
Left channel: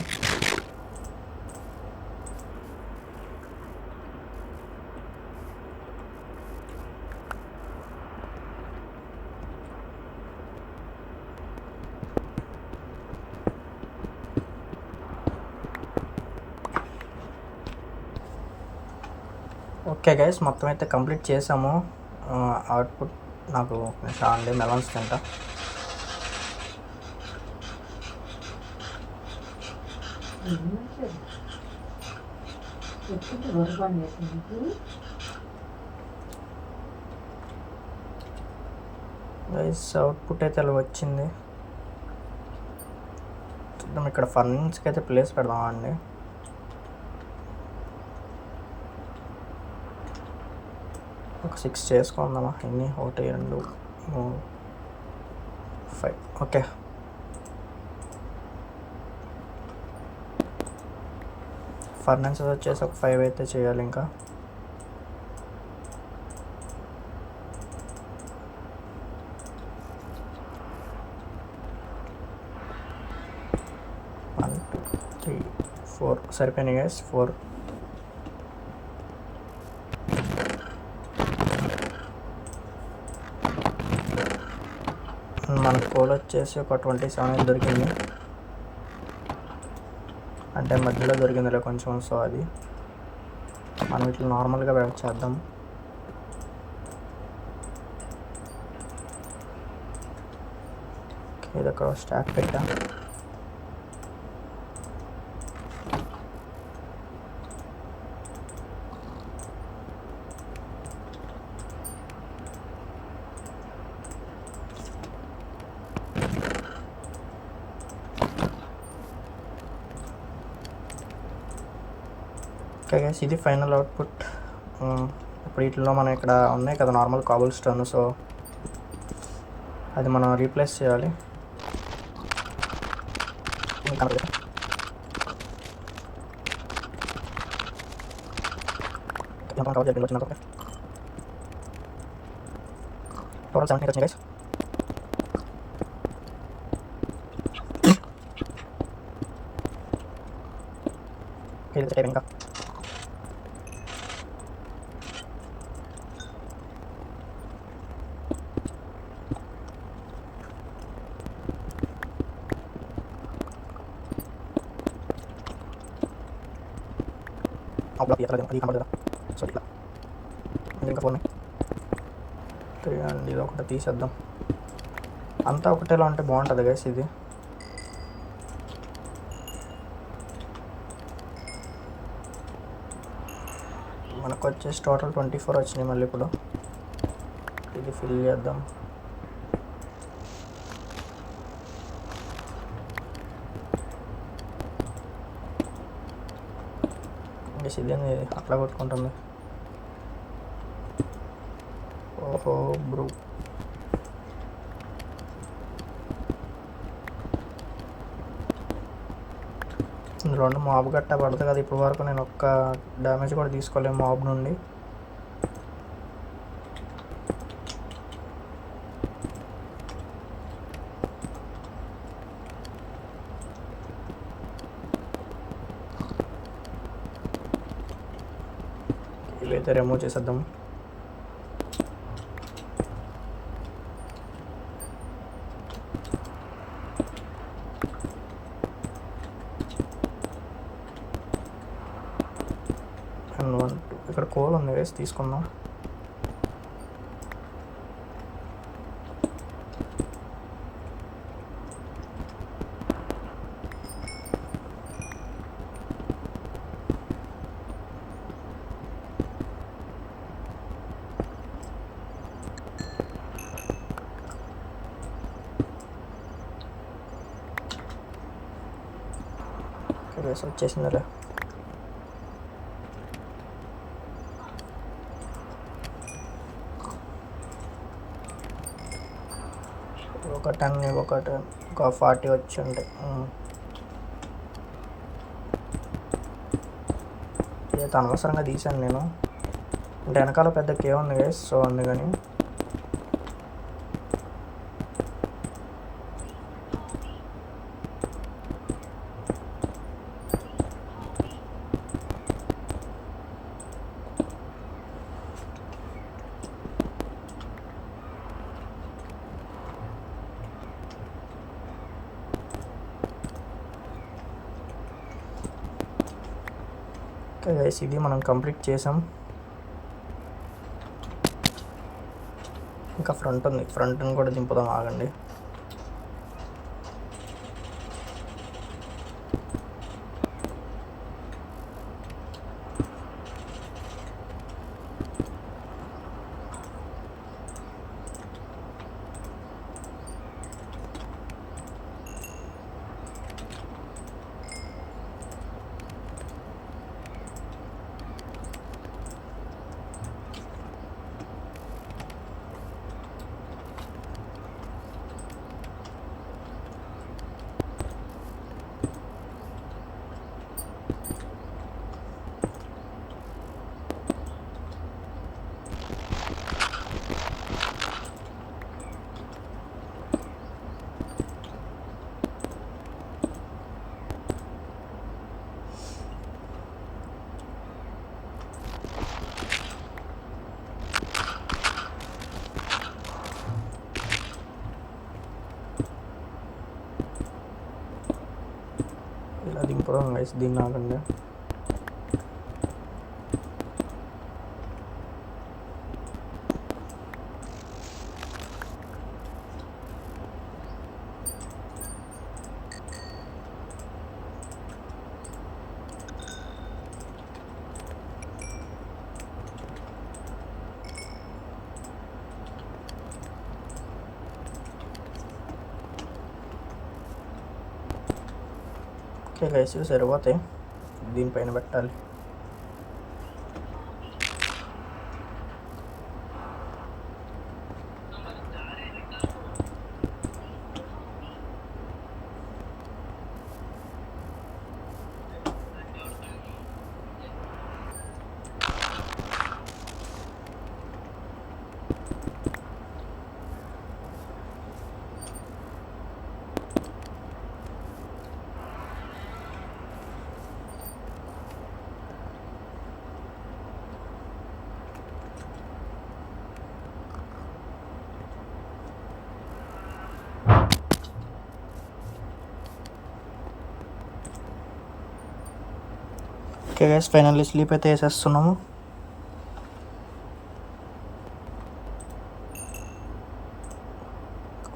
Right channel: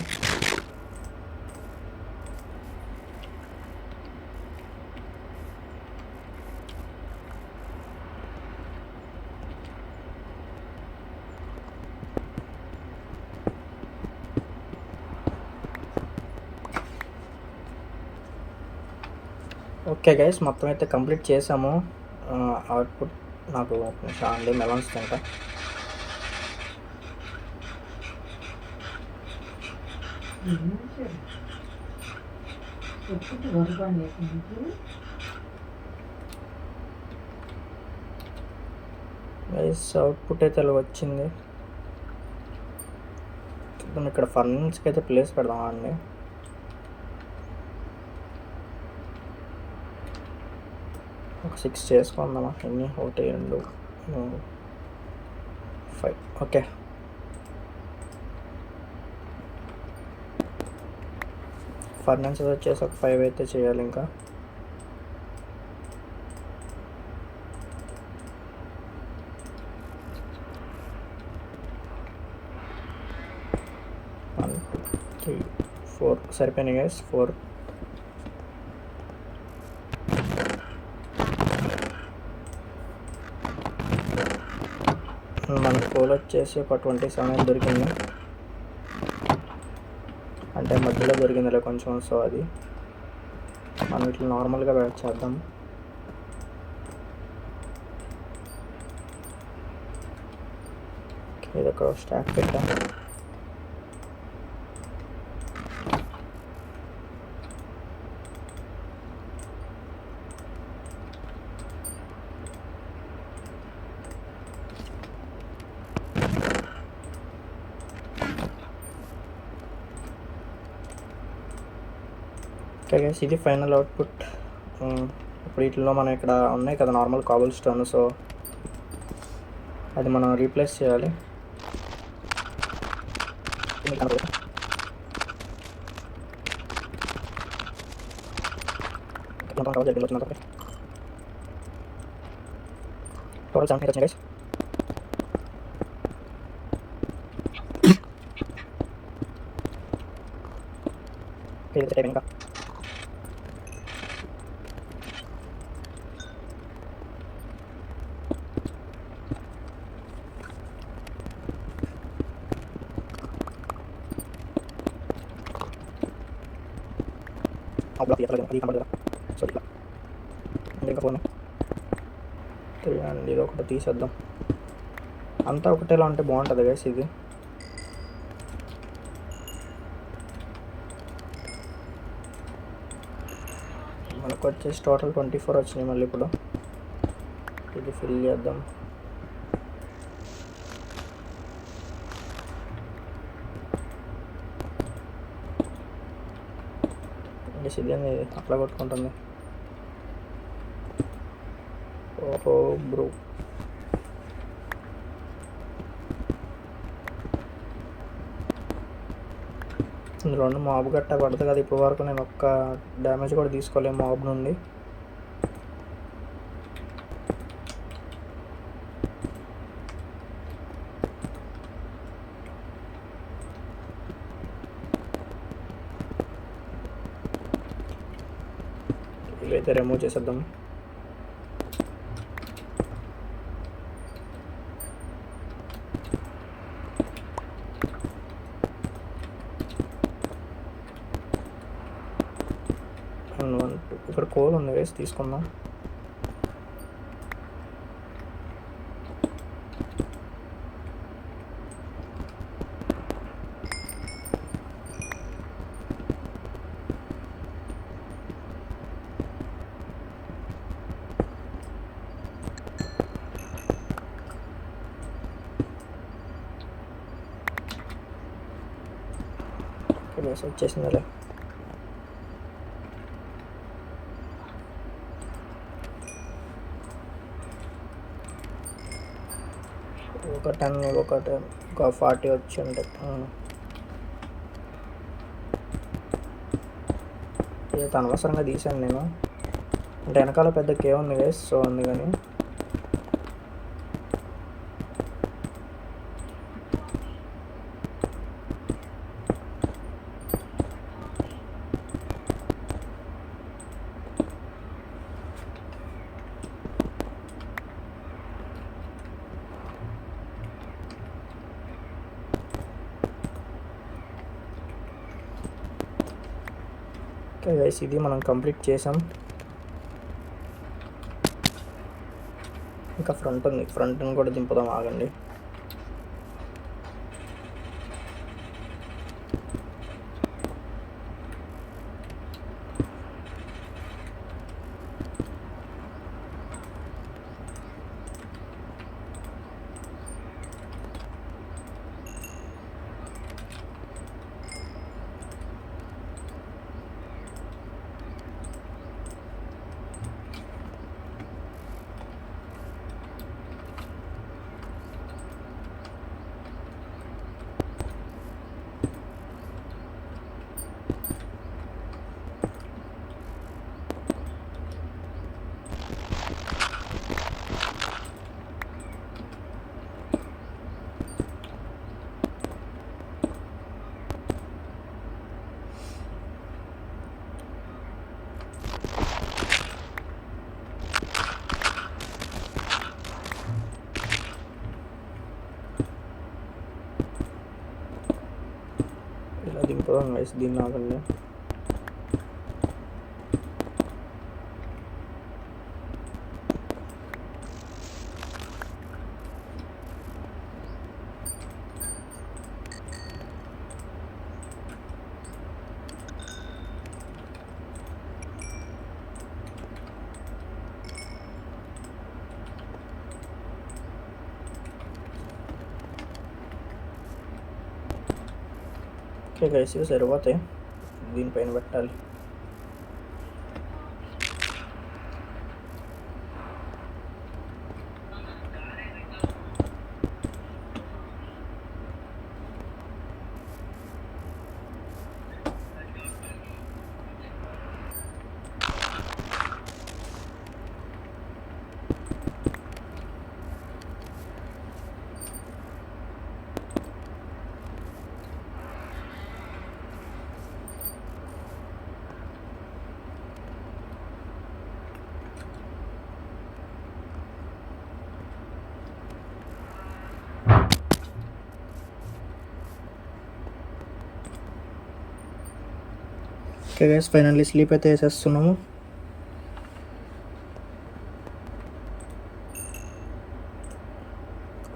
ఓకే గైస్, మొత్తం అయితే కంప్లీట్ చేసాము. అవుట్పుట్ నాకు ఆన్లీ మెలన్స్ తింటా. గైస్ అవుట్పుట్ అయితే అలా వచ్చింది. చూద్దాం, ఇక్కడ ఫర్నిచర్కి అయితే ప్లేస్ పెడదామండి. ఒక 6 చేసుకుందామా? ఎన్ని? 1 2 3 5. ఓకే, ఫర్నిచర్ వచ్చేసి ఒక 5 అయితే చేయాలి. ఇంకా వన్ 2 3 4 సరిపోయినాయి గైస్. 4. మన కోడ్ వచ్చేసి ఒక 27 దొరికింది, అంటే మధ్యలో దొరికిందిలే కొంచెం. సో అది మనం ఇట్లా నార్మల్గా చేద్దాం. ఇది ఒక స్టాక్ పెట్టా. ఓకే గైస్, ఇది ఫైనల్ అవుట్పుట్. ఇప్పుడు వీటిలో మనం ఇక్కడ ఉన్నాయి కదా నార్మల్ కాబుల్ స్టోన్, సో అది మనం రీప్లేస్ చేయాలి. టోటల్ 7 వచ్చింది గైస్. ఇంకా బ్లాక్ అది కనబడదు. సో ఇట్లా ఇంకా ఫోన్ అండి, ఇది ఒకటి తీసేద్దాం. అంతా ఒకటేలా ఉంటే బాగుంటుంది గైస్. ఇది మనకు వచ్చేసి టోటల్ 24 వచ్చినాయి. మళ్ళీ ఇప్పుడు ఇది ఫిల్ చేద్దాం. ఇదేంది అట్లా కొట్టుకుంటుంది. ఓహో బ్రో, ఇందులో మాబ్ గట్ట పడుతుంది కదా. ఇప్పుడు వరకు నేను ఒక్క డ్యామేజ్ కూడా తీసుకోలేము మాబ్ నుండి. ఇవైతే రిమూవ్ చేసేద్దాం. ఇక్కడ కోల్ ఉంది వేసి తీసుకుందాం. వేసి వచ్చేసిందా. ఒక 10 ఒక 40 వచ్చి ఉంటాయి. ఇది అనవసరంగా తీసాను నేను, అంటే వెనకాల పెద్ద కేవ్ ఉంది గైస్, సో అందుకని. ఓకే గైస్, ఇది మనం కంప్లీట్ చేసాం. ఇంకా ఫ్రంట్ ఉంది, ఫ్రంట్ని కూడా దింపుదాం, ఆగండి. ఇలా దింపుదాం గైస్, దీన్ని ఆగండి. ఓకే గైస్, ఇవి సరిపోతాయి, దీనిపైన పెట్టాలి. ఓకే గైస్, ఫైనల్లీ స్లీప్ అయితే వేసేస్తున్నాము.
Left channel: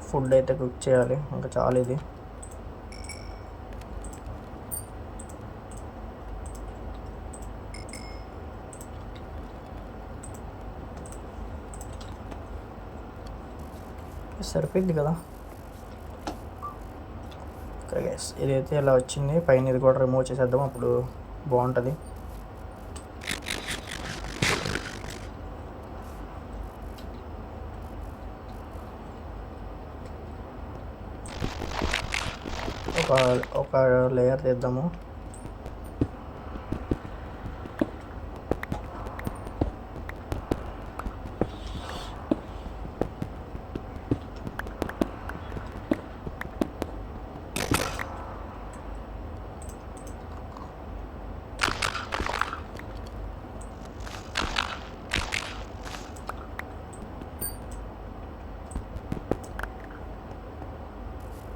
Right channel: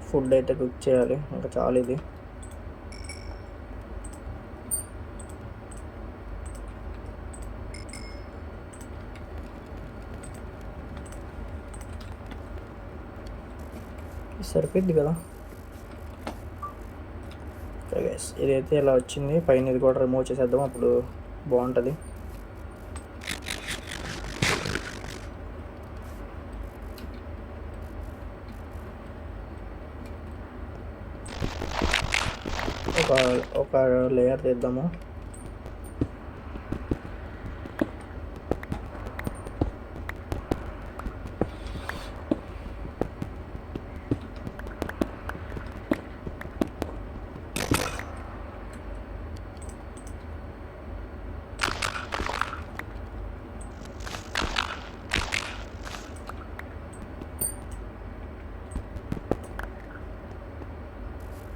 ఫుడ్ అయితే కుక్ చేయాలి, ఇంకా చాలు ఇది. సరిపోయింది కదా. ఓకే గైస్, ఇదైతే ఇలా వచ్చింది. పైన ఇది కూడా రిమూవ్ చేసేద్దాం, అప్పుడు బాగుంటుంది. ఒక లేయర్ తీద్దాము.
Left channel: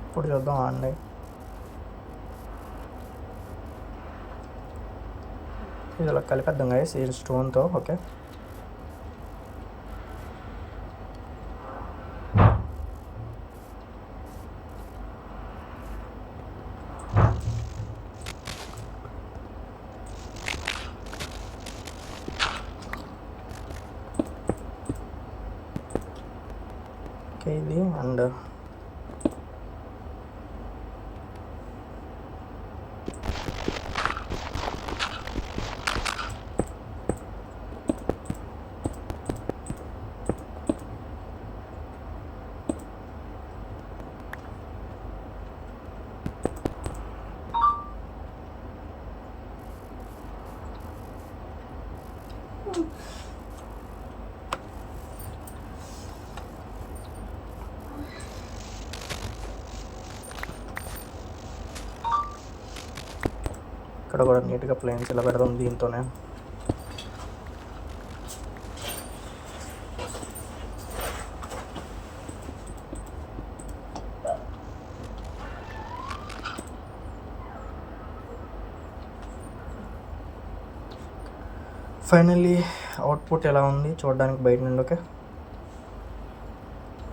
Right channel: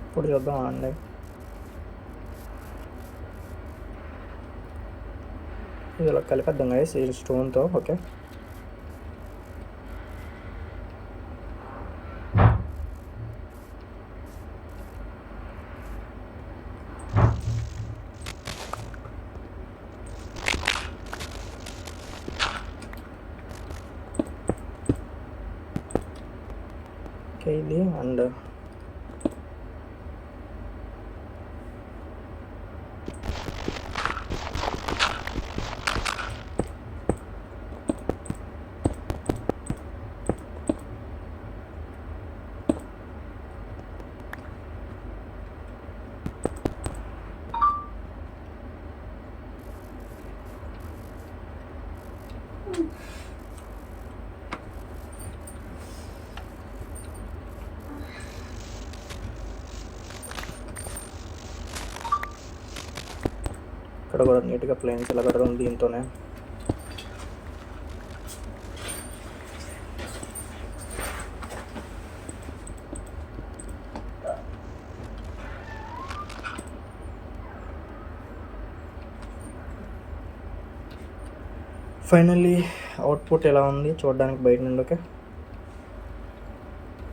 ఇప్పుడు చూద్దాం అండి. ఇది ఇలా కలిపేద్దాం గైస్ ఈ స్టోన్తో. ఓకే, ఇది అండ్ ఇక్కడ కూడా నీట్గా ప్లేన్స్ ఇలా పెడదాం దీంతోనే. ఫైనల్లీ అవుట్పుట్ ఎలా ఉంది చూడడానికి బయట నుండి. ఓకే,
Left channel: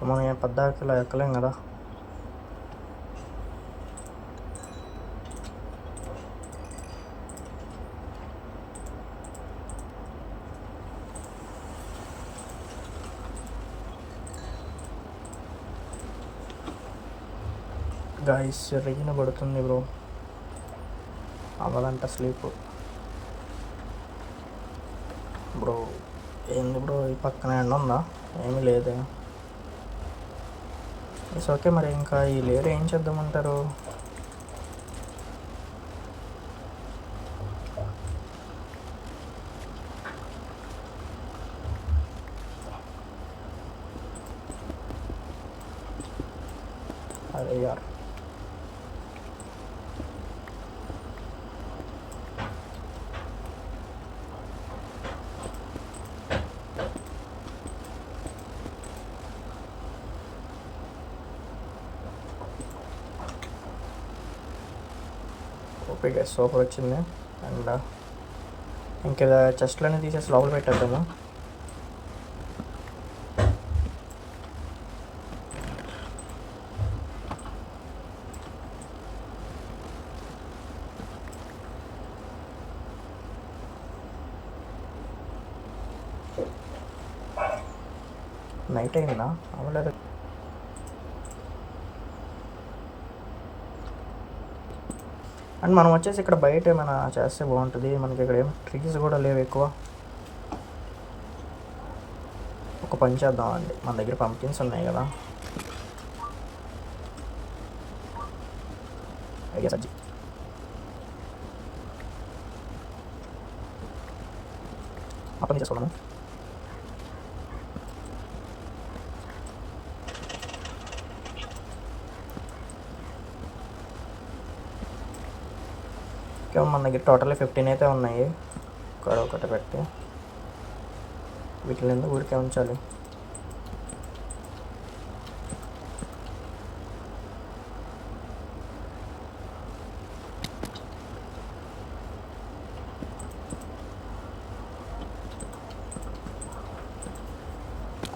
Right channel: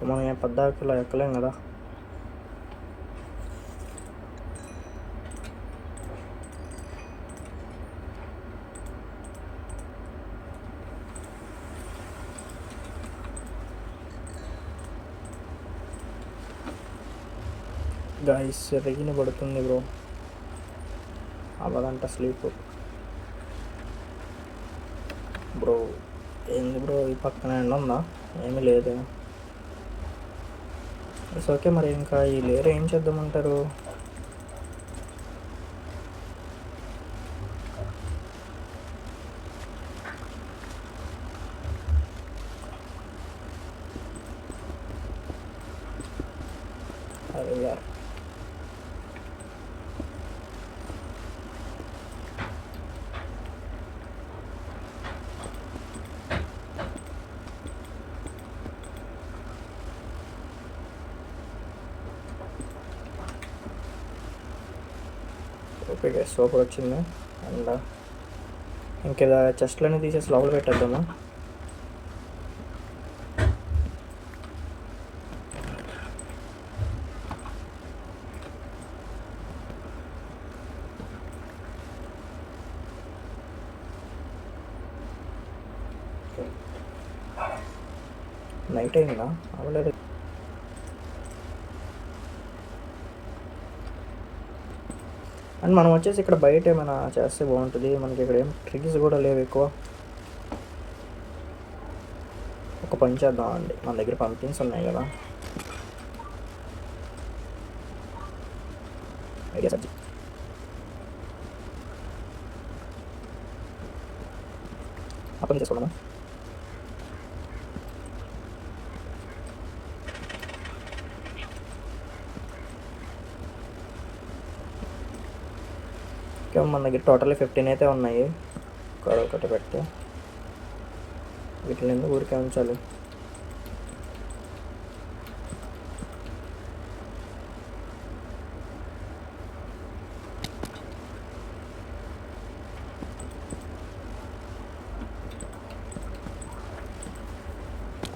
మనం ఏం పద్దాకి ఇలా ఎక్కలేం కదా. గాయస్ రెయిన్ పడుతుంది బ్రో, అవ్వదంట స్లీప్. బ్రో ఏంది బ్రో ఈ పక్కన ఎండ ఉందా? ఏమీ లేదు. It's okay. మరి ఇంకా ఈ లేయర్ ఏం చేద్దామంటారు? అదే యార్, ఓకే సూపర్ వచ్చింది. అండ్ ఇంకా చెస్ట్లన్నీ తీసేసి లోపల పెట్టేద్దాము. నైట్ అయిందా? అవ్వలేదు. అండ్ మనం వచ్చేసి ఇక్కడ బయట ఏమైనా చేస్తే బాగుంటుంది. మనకి ఇక్కడ ఏం ట్రీస్ కూడా లేవు ఎక్కువ. ఒక పని చేద్దాం అండి, మన దగ్గర పంపింగ్స్ ఉన్నాయి కదా. ఐడియా సజ్జి అప్పని చేసుకున్నాము. మన దగ్గర టోటల్ 15 అయితే ఉన్నాయి. ఒకటి పెడితే వీటిని ఎందుకు ఊరికే ఉంచాలి.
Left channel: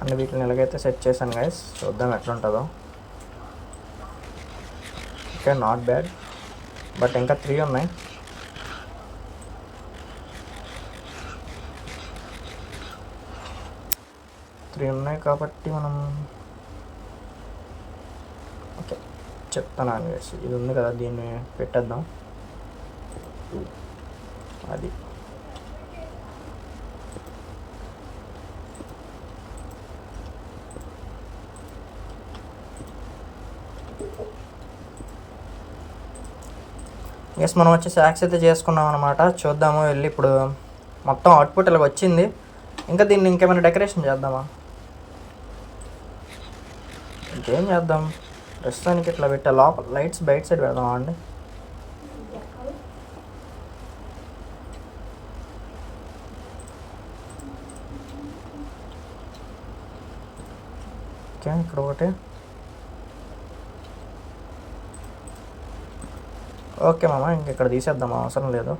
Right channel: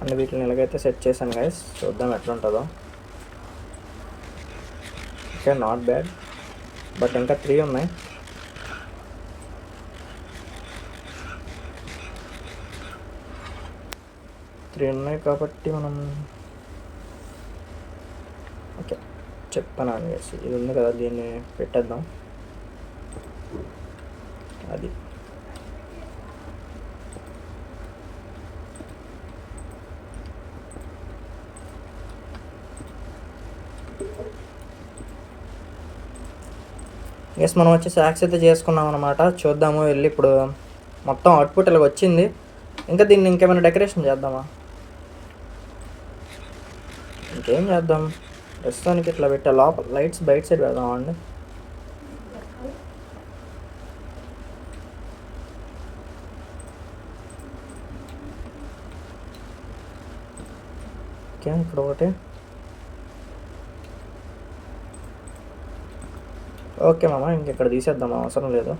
అన్ని వీటిని ఎలాగైతే సెట్ చేశాను గైస్, చూద్దాం ఎట్లా ఉంటుందో. Okay, not bad. బట్ ఇంకా 3 ఉన్నాయి. కాబట్టి మనం ఓకే చెప్తాను అనేసి ఇది ఉంది కదా, దీన్ని పెట్టేద్దాం. అది ఎస్ మనం వచ్చి యాక్స్ అయితే చేసుకున్నాం అనమాట. చూద్దాము వెళ్ళి ఇప్పుడు మొత్తం అవుట్పుట్ ఇలా వచ్చింది. ఇంకా దీన్ని ఇంకేమైనా డెకరేషన్ చేద్దామా? ఇంకేం చేద్దాం, ప్రస్తుతానికి ఇట్లా పెట్టే లోపల లైట్స్ బయట సైడ్ పెడదామా అండి? ఓకే ఇక్కడ ఒకటి. ఓకే మామ, ఇంక ఇక్కడ తీసేద్దాం, అవసరం లేదు.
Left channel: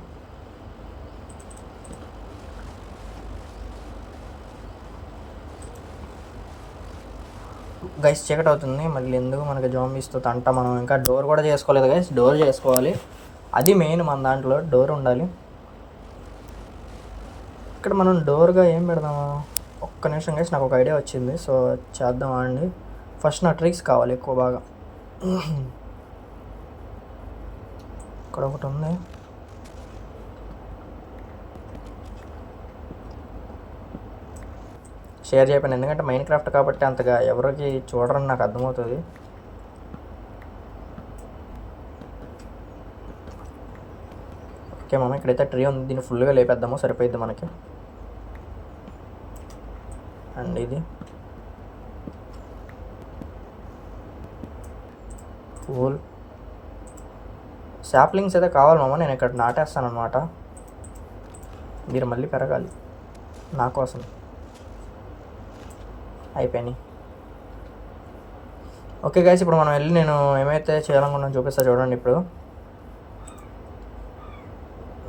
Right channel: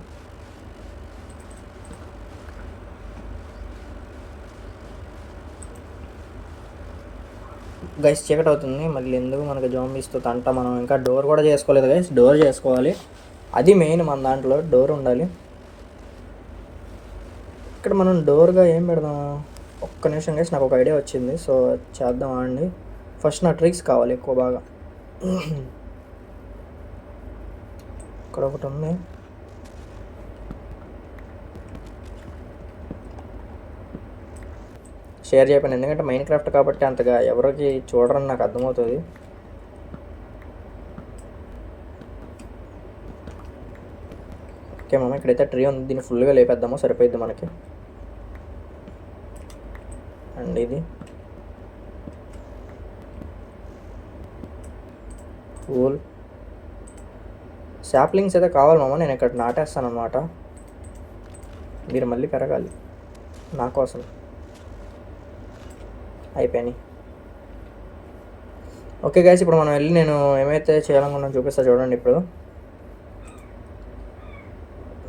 గైస్ చీకటి అవుతుంది, మళ్ళీ ఎందుకు మనకి జాంబీస్తో తంట. మనం ఇంకా డోర్ కూడా చేసుకోలేదు గైస్, డోర్ చేసుకోవాలి. అది మెయిన్ మన దాంట్లో, డోర్ ఉండాలి. ఇక్కడ మనం డోర్గా ఏం పెడదాము? ఒక్క నిమిషం గైస్, నాకు ఒక ఐడియా వచ్చింది. సో చేద్దామా అండి? ఫస్ట్ నా ట్రిక్స్ కావాలి ఎక్కువ బాగా. ఇక్కడ ఒకటి ఉంది. షేర్ చేయకపోయినా, ఎందుకంటే మైన్ క్రాఫ్ట్ కాబట్టి అంతగా ఎవరికి చూడరని నాకు అర్థమవుతుంది. ఓకే మామ, ఇక్కడైతే ట్రీ ఉంది, దీన్ని ఫుల్గా లేపేద్దాము, సరిపోయిద్ది మనకి. అండ్ ఇది పూల్ శాప్లింగ్స్ అయితే కావాలి మామ, నేను ఇక్కడ నాటేస్తాను అనమాట. మీరు మళ్ళీ పెరగాలి నా కోసం. అయిపోయినాయి. ఓకే గైస్, ఇప్పుడు మనం వెళ్ళి నేను ఏమైతే చేయాలనుకున్నాను చూపిస్తా చూడండి. ఇప్పుడు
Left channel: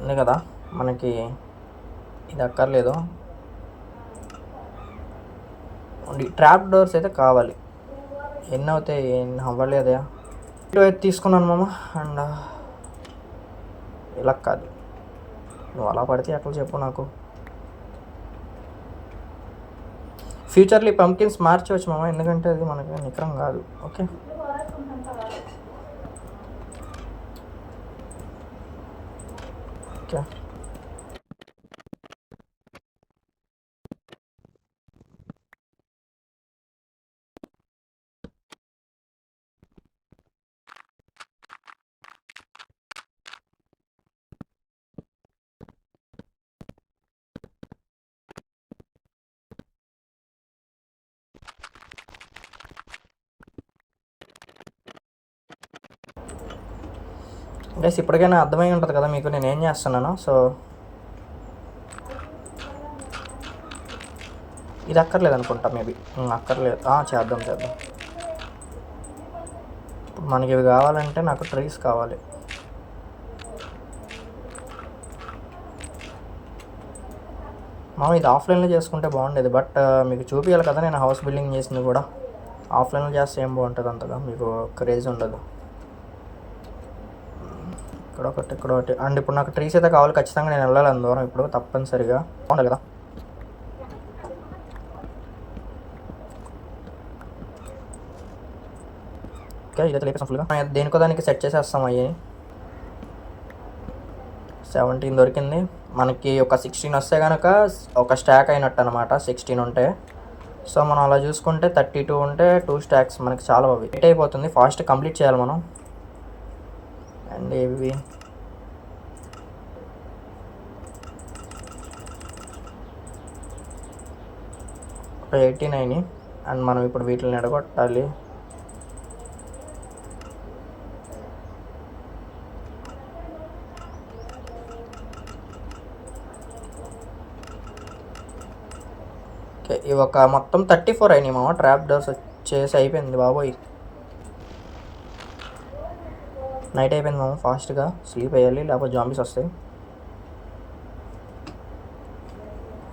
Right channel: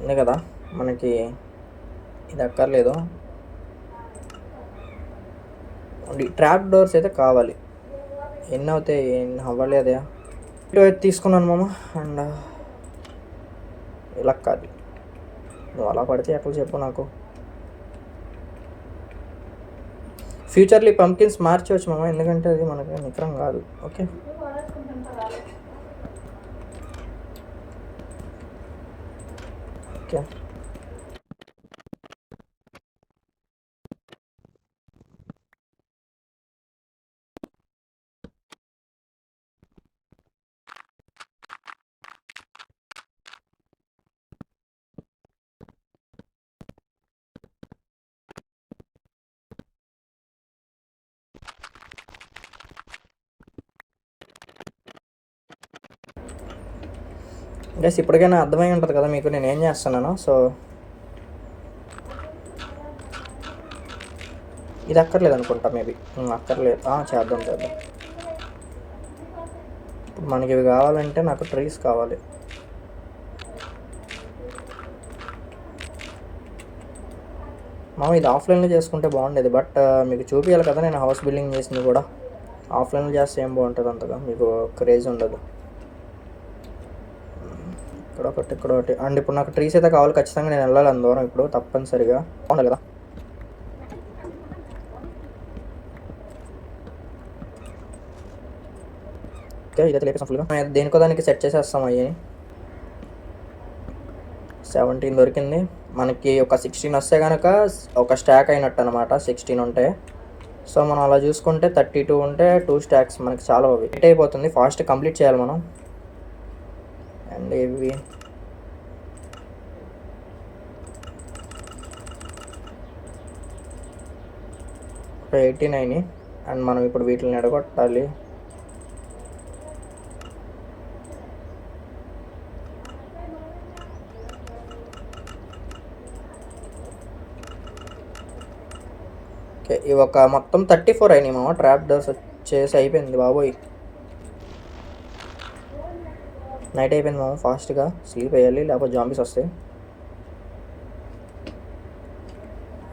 ఉంది కదా మనకి, ఇది అక్కర్లేదు. ట్రాప్ డోర్స్ అయితే కావాలి. ఎన్ని అవుతాయి? అవ్వలేదే. ఇటు అయితే తీసుకున్నాను మామ. అండ్ ఇలా కాదు, నువ్వు అలా పడితే ఎట్లా చెప్పు నాకు. ఫ్యూచర్లో ఈ పంకిన్స్ మార్చవచ్చు మామ, ఎందుకంటే అది మనకి నికరం కాదు. Okay okay. గైస్ ఇప్పటికైనా అర్థమై ఉంటుంది కదా మీకు నేను ఏం చేస్తున్నాను. సో ఇది అక్కర్లేదు అనుకుంటా, మేబీ అక్కర్లేదు. చేద్దాం. ఇప్పుడు మనకి ఇవి కావాలంటే నాకు ట్రీస్ కావాలి. ఇది ఆఫ్లైన్లో చేసుకుంటే బాగుండేది, బట్ మీకు చూపించాలి కదా నేను హౌస్ బిల్డింగ్ చేసింది కూడా. ఆఫ్లైన్లో చేస్తే ఏం బాగుంటుంది, అంతగా మీకు క్రేజ్ ఉండదు. ఇక్కడ ఒకటి. అండ్ ఇప్పుడు నాకు ట్రీస్ అయితే కావాలి ఖచ్చితంగా, నేను వెళ్ళాలి దూరం ఇప్పుడు తప్పనిసరిగా. బాగుండాలి కదా. ఓకే ఇదైతే లేపేసాం ఫుల్గా. దేనికో దానికి సెట్ చేసేస్తాం. అయ్యి 17 దొరికింది మనకి. ఒక 16 వస్తే కనుక ఒక స్టాక్ అయినట్టు అనమాట. 16 ఉంటే, సో మనం అలా చూసుకుంటే 32 ఉంటే 2 స్టాక్స్ మనకి చాలా వెయిట్ అయిపోతుంది. ఫాస్ట్ కంప్లీట్ చేయాలి మనం. అండ్ ఇవి ఒక 89. అండ్ మనం ఇప్పుడు వీటిని ఎడగొట్టాలి. ఓకే ఇవి ఒక మొత్తం 34 అయినాయి మామ. ట్రాప్ డోర్స్ వచ్చేసి అయిపోయింది బాబోయ్. నైట్ అయిపోయింది మామ, ఫాస్ట్గా స్లీప్ వేయాలి లేకపోతే జాంబీస్ వస్తాయి.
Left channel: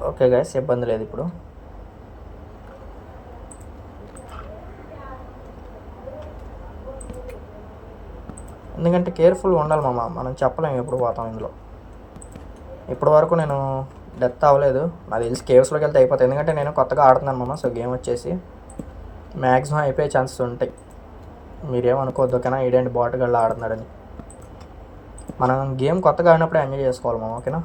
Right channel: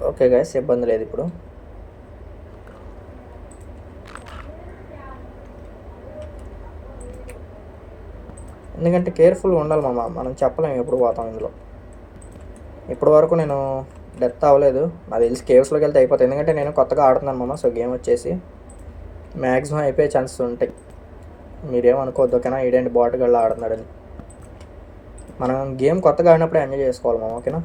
ఓకే గైస్ ఇబ్బంది లేదు ఇప్పుడు. ఎందుకంటే కేర్ఫుల్గా ఉండాలి మామ, మనం చెప్పలేము ఎప్పుడు పోతాం ఇందులో. ఇప్పటి వరకు నేను డెత్ అవ్వలేదు, నాకు తెలిసి కేవ్స్లోకి వెళ్తే అయిపోతాయి. ఎందుకంటే నేను కొత్తగా ఆడుతున్నాను మామ. సో గేమ్ వచ్చేసి మ్యాక్సిమం అయిపోయే ఛాన్సెస్ ఉంటాయి. మీరేమనుకోవద్దు ఓకేనా, ఈడేంటి బాటుగల్లా ఆడుతున్నాడని. మనం గేమ్ కొత్తగా ఆడినప్పుడే ఎంజాయ్ చేసుకోవాలి మామ, ఓకేనా.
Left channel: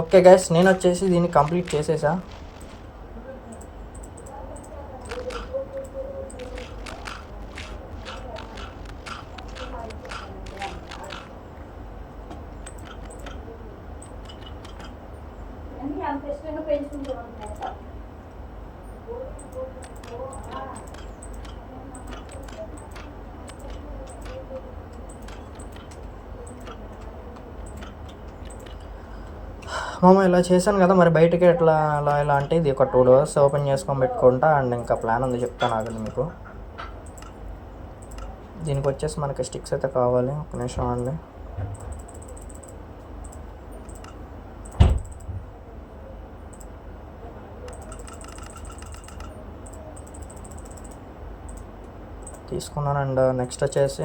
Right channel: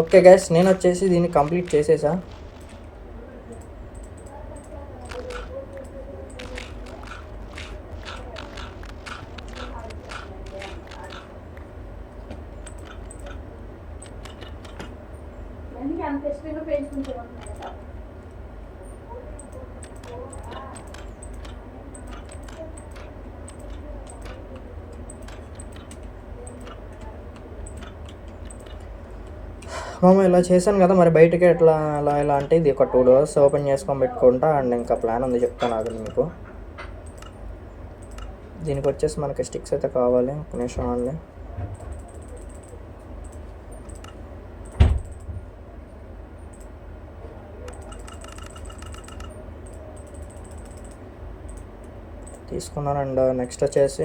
ఓకే గైస్, నేను వచ్చేసి దీన్ని కంప్లీట్ చేసేసా. అంత ఇష్టంగా పెంచుకుంటాం. మామ ఇలా చేశాను కదా, మరి బయటకి ఎట్లా ఇలా అంటే ఇది ఒక 2 డోర్స్ ఓపెన్ చేసుకొని పెట్టుకుంటా. అండ్ ఇంకా ప్లాన్ ఉంది, చెప్తాను ఆగండి మీకు. దీనికి వచ్చేసి మనకి స్టిక్స్ అయితే కావాలి. ఒక నిమిషం అండి. తీసుకున్నాను. అండ్ నెక్స్ట్ వచ్చేసి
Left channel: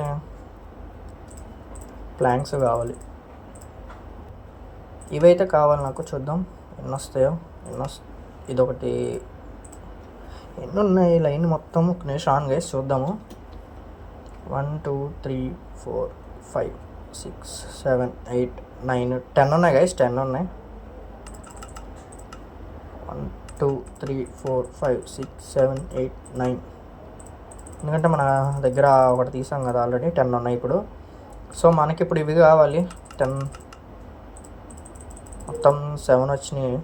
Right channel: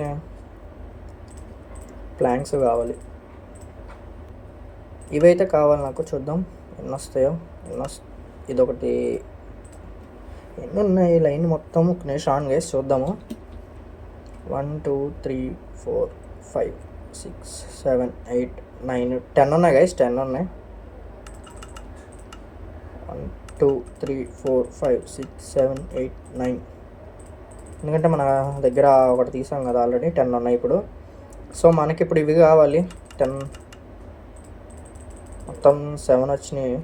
ప్లాంక్స్ కావాలి. ఇవైతే కావాలి నాకు. చూద్దాం ఎన్ని వస్తాయో. ఇదొకటి. ఎన్ని ఉన్నాయి లైన్ మొత్తం? ఒక నిమిషం ఆన్ గైస్, చూద్దాము. 1 2 3 4 5 6 7 8 9 10 ఉన్నాయి గైస్. 10 ఉన్నాయి. 1 2 3 4 5 6 7 8 9. ఎందుకంటే మన దగ్గర ఒకటి తీసాం కదా ఆల్రెడీ. 10 ఉన్నాయి ఇప్పుడు. సో మనకి ఇప్పుడు ఇవి కావాలి. 10 మొత్తం 7 వచ్చినాయి.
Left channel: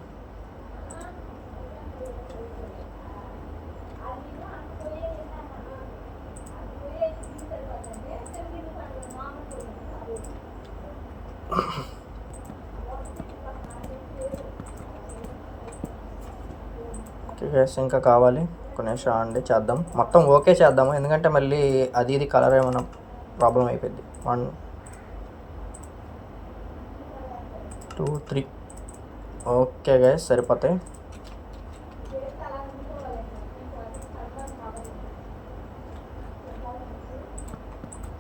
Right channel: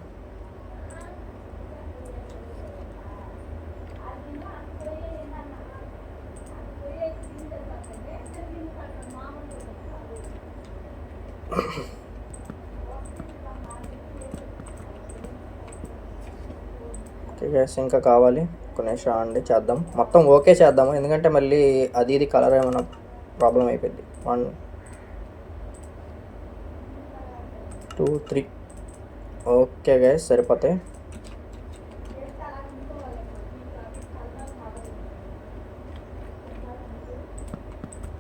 ఓకే గైస్, ఇంకా కావాలి. ఒక నిమిషం అండి, చేద్దాం మొత్తం. ఓకే చేద్దాము, ఎందుకంటే మళ్ళీ అది ఇది కలర్ ఏమైనా ప్రాబ్లం అయిపోయింది. 1 2 3. ఓకే గైస్, సరిపోతాయి.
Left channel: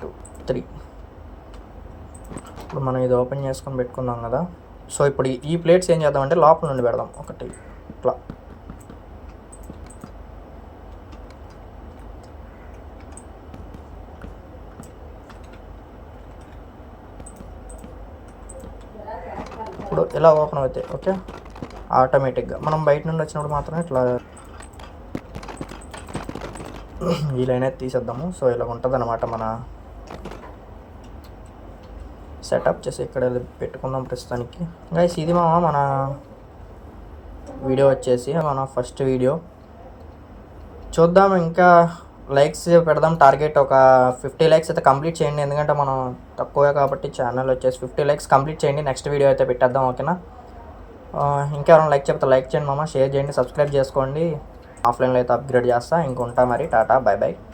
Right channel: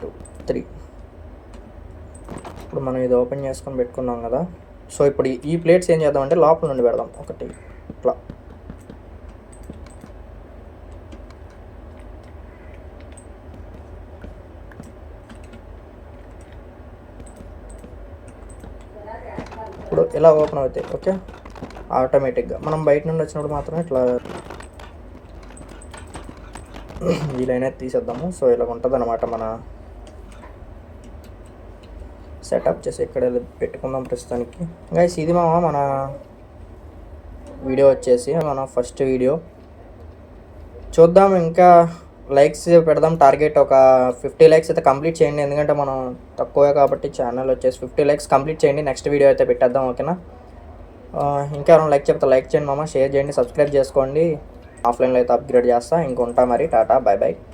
2 3. ఇప్పుడు మనం ఇది ఓపెన్ చేసుకొని పెట్టుకున్నాం కదా. సో ఇప్పుడు ఈ ప్లేట్స్ ఏం చేద్దాం అంటే లోపల నుండి పెడదాం. ఒకటి ఇట్లా. ఇప్పుడు ఇలా ఓపెన్ అవుతాయి. ఓకే, ఆటోమేటిక్గా. మనం బయట నుండి వచ్చినప్పుడు మాత్రమే ఇట్లా ఈ లైన్ అయితే తీసేద్దాము. సో ఇలా ఉంటుంది అనమాట మన సెటప్. చేసి ఇక్కడ పెట్టుకుందాం ప్రస్తుతానికి. గైస్ ఇది మన వీడియో వచ్చేసి మన ఫస్ట్ వీడియో. చూద్దాం, ఇంకా లైక్స్ పెడదాం. టార్గెట్ ఒక 50 లైక్స్ అయితే కంప్లీట్ చేయండి, ఎందుకంటే మనం తక్కువే కాబట్టి. ఛానల్ వచ్చేసి 50 లైక్స్ కంప్లీట్ చేయండి. నెక్స్ట్ వీడియో అయితే పెట్టేద్దాం, ఓకేనా? ఇంకా ఎవరైనా లైక్ చెప్తే లైక్ చేయండి మామ, షేర్ చేయండి, సబ్స్క్రైబ్ చేసుకోండి. ఆఫ్లైన్లో అయితే అప్గ్రేడ్ చేస్తా. ఇంకొంటా మరి, టాటా, బై బై.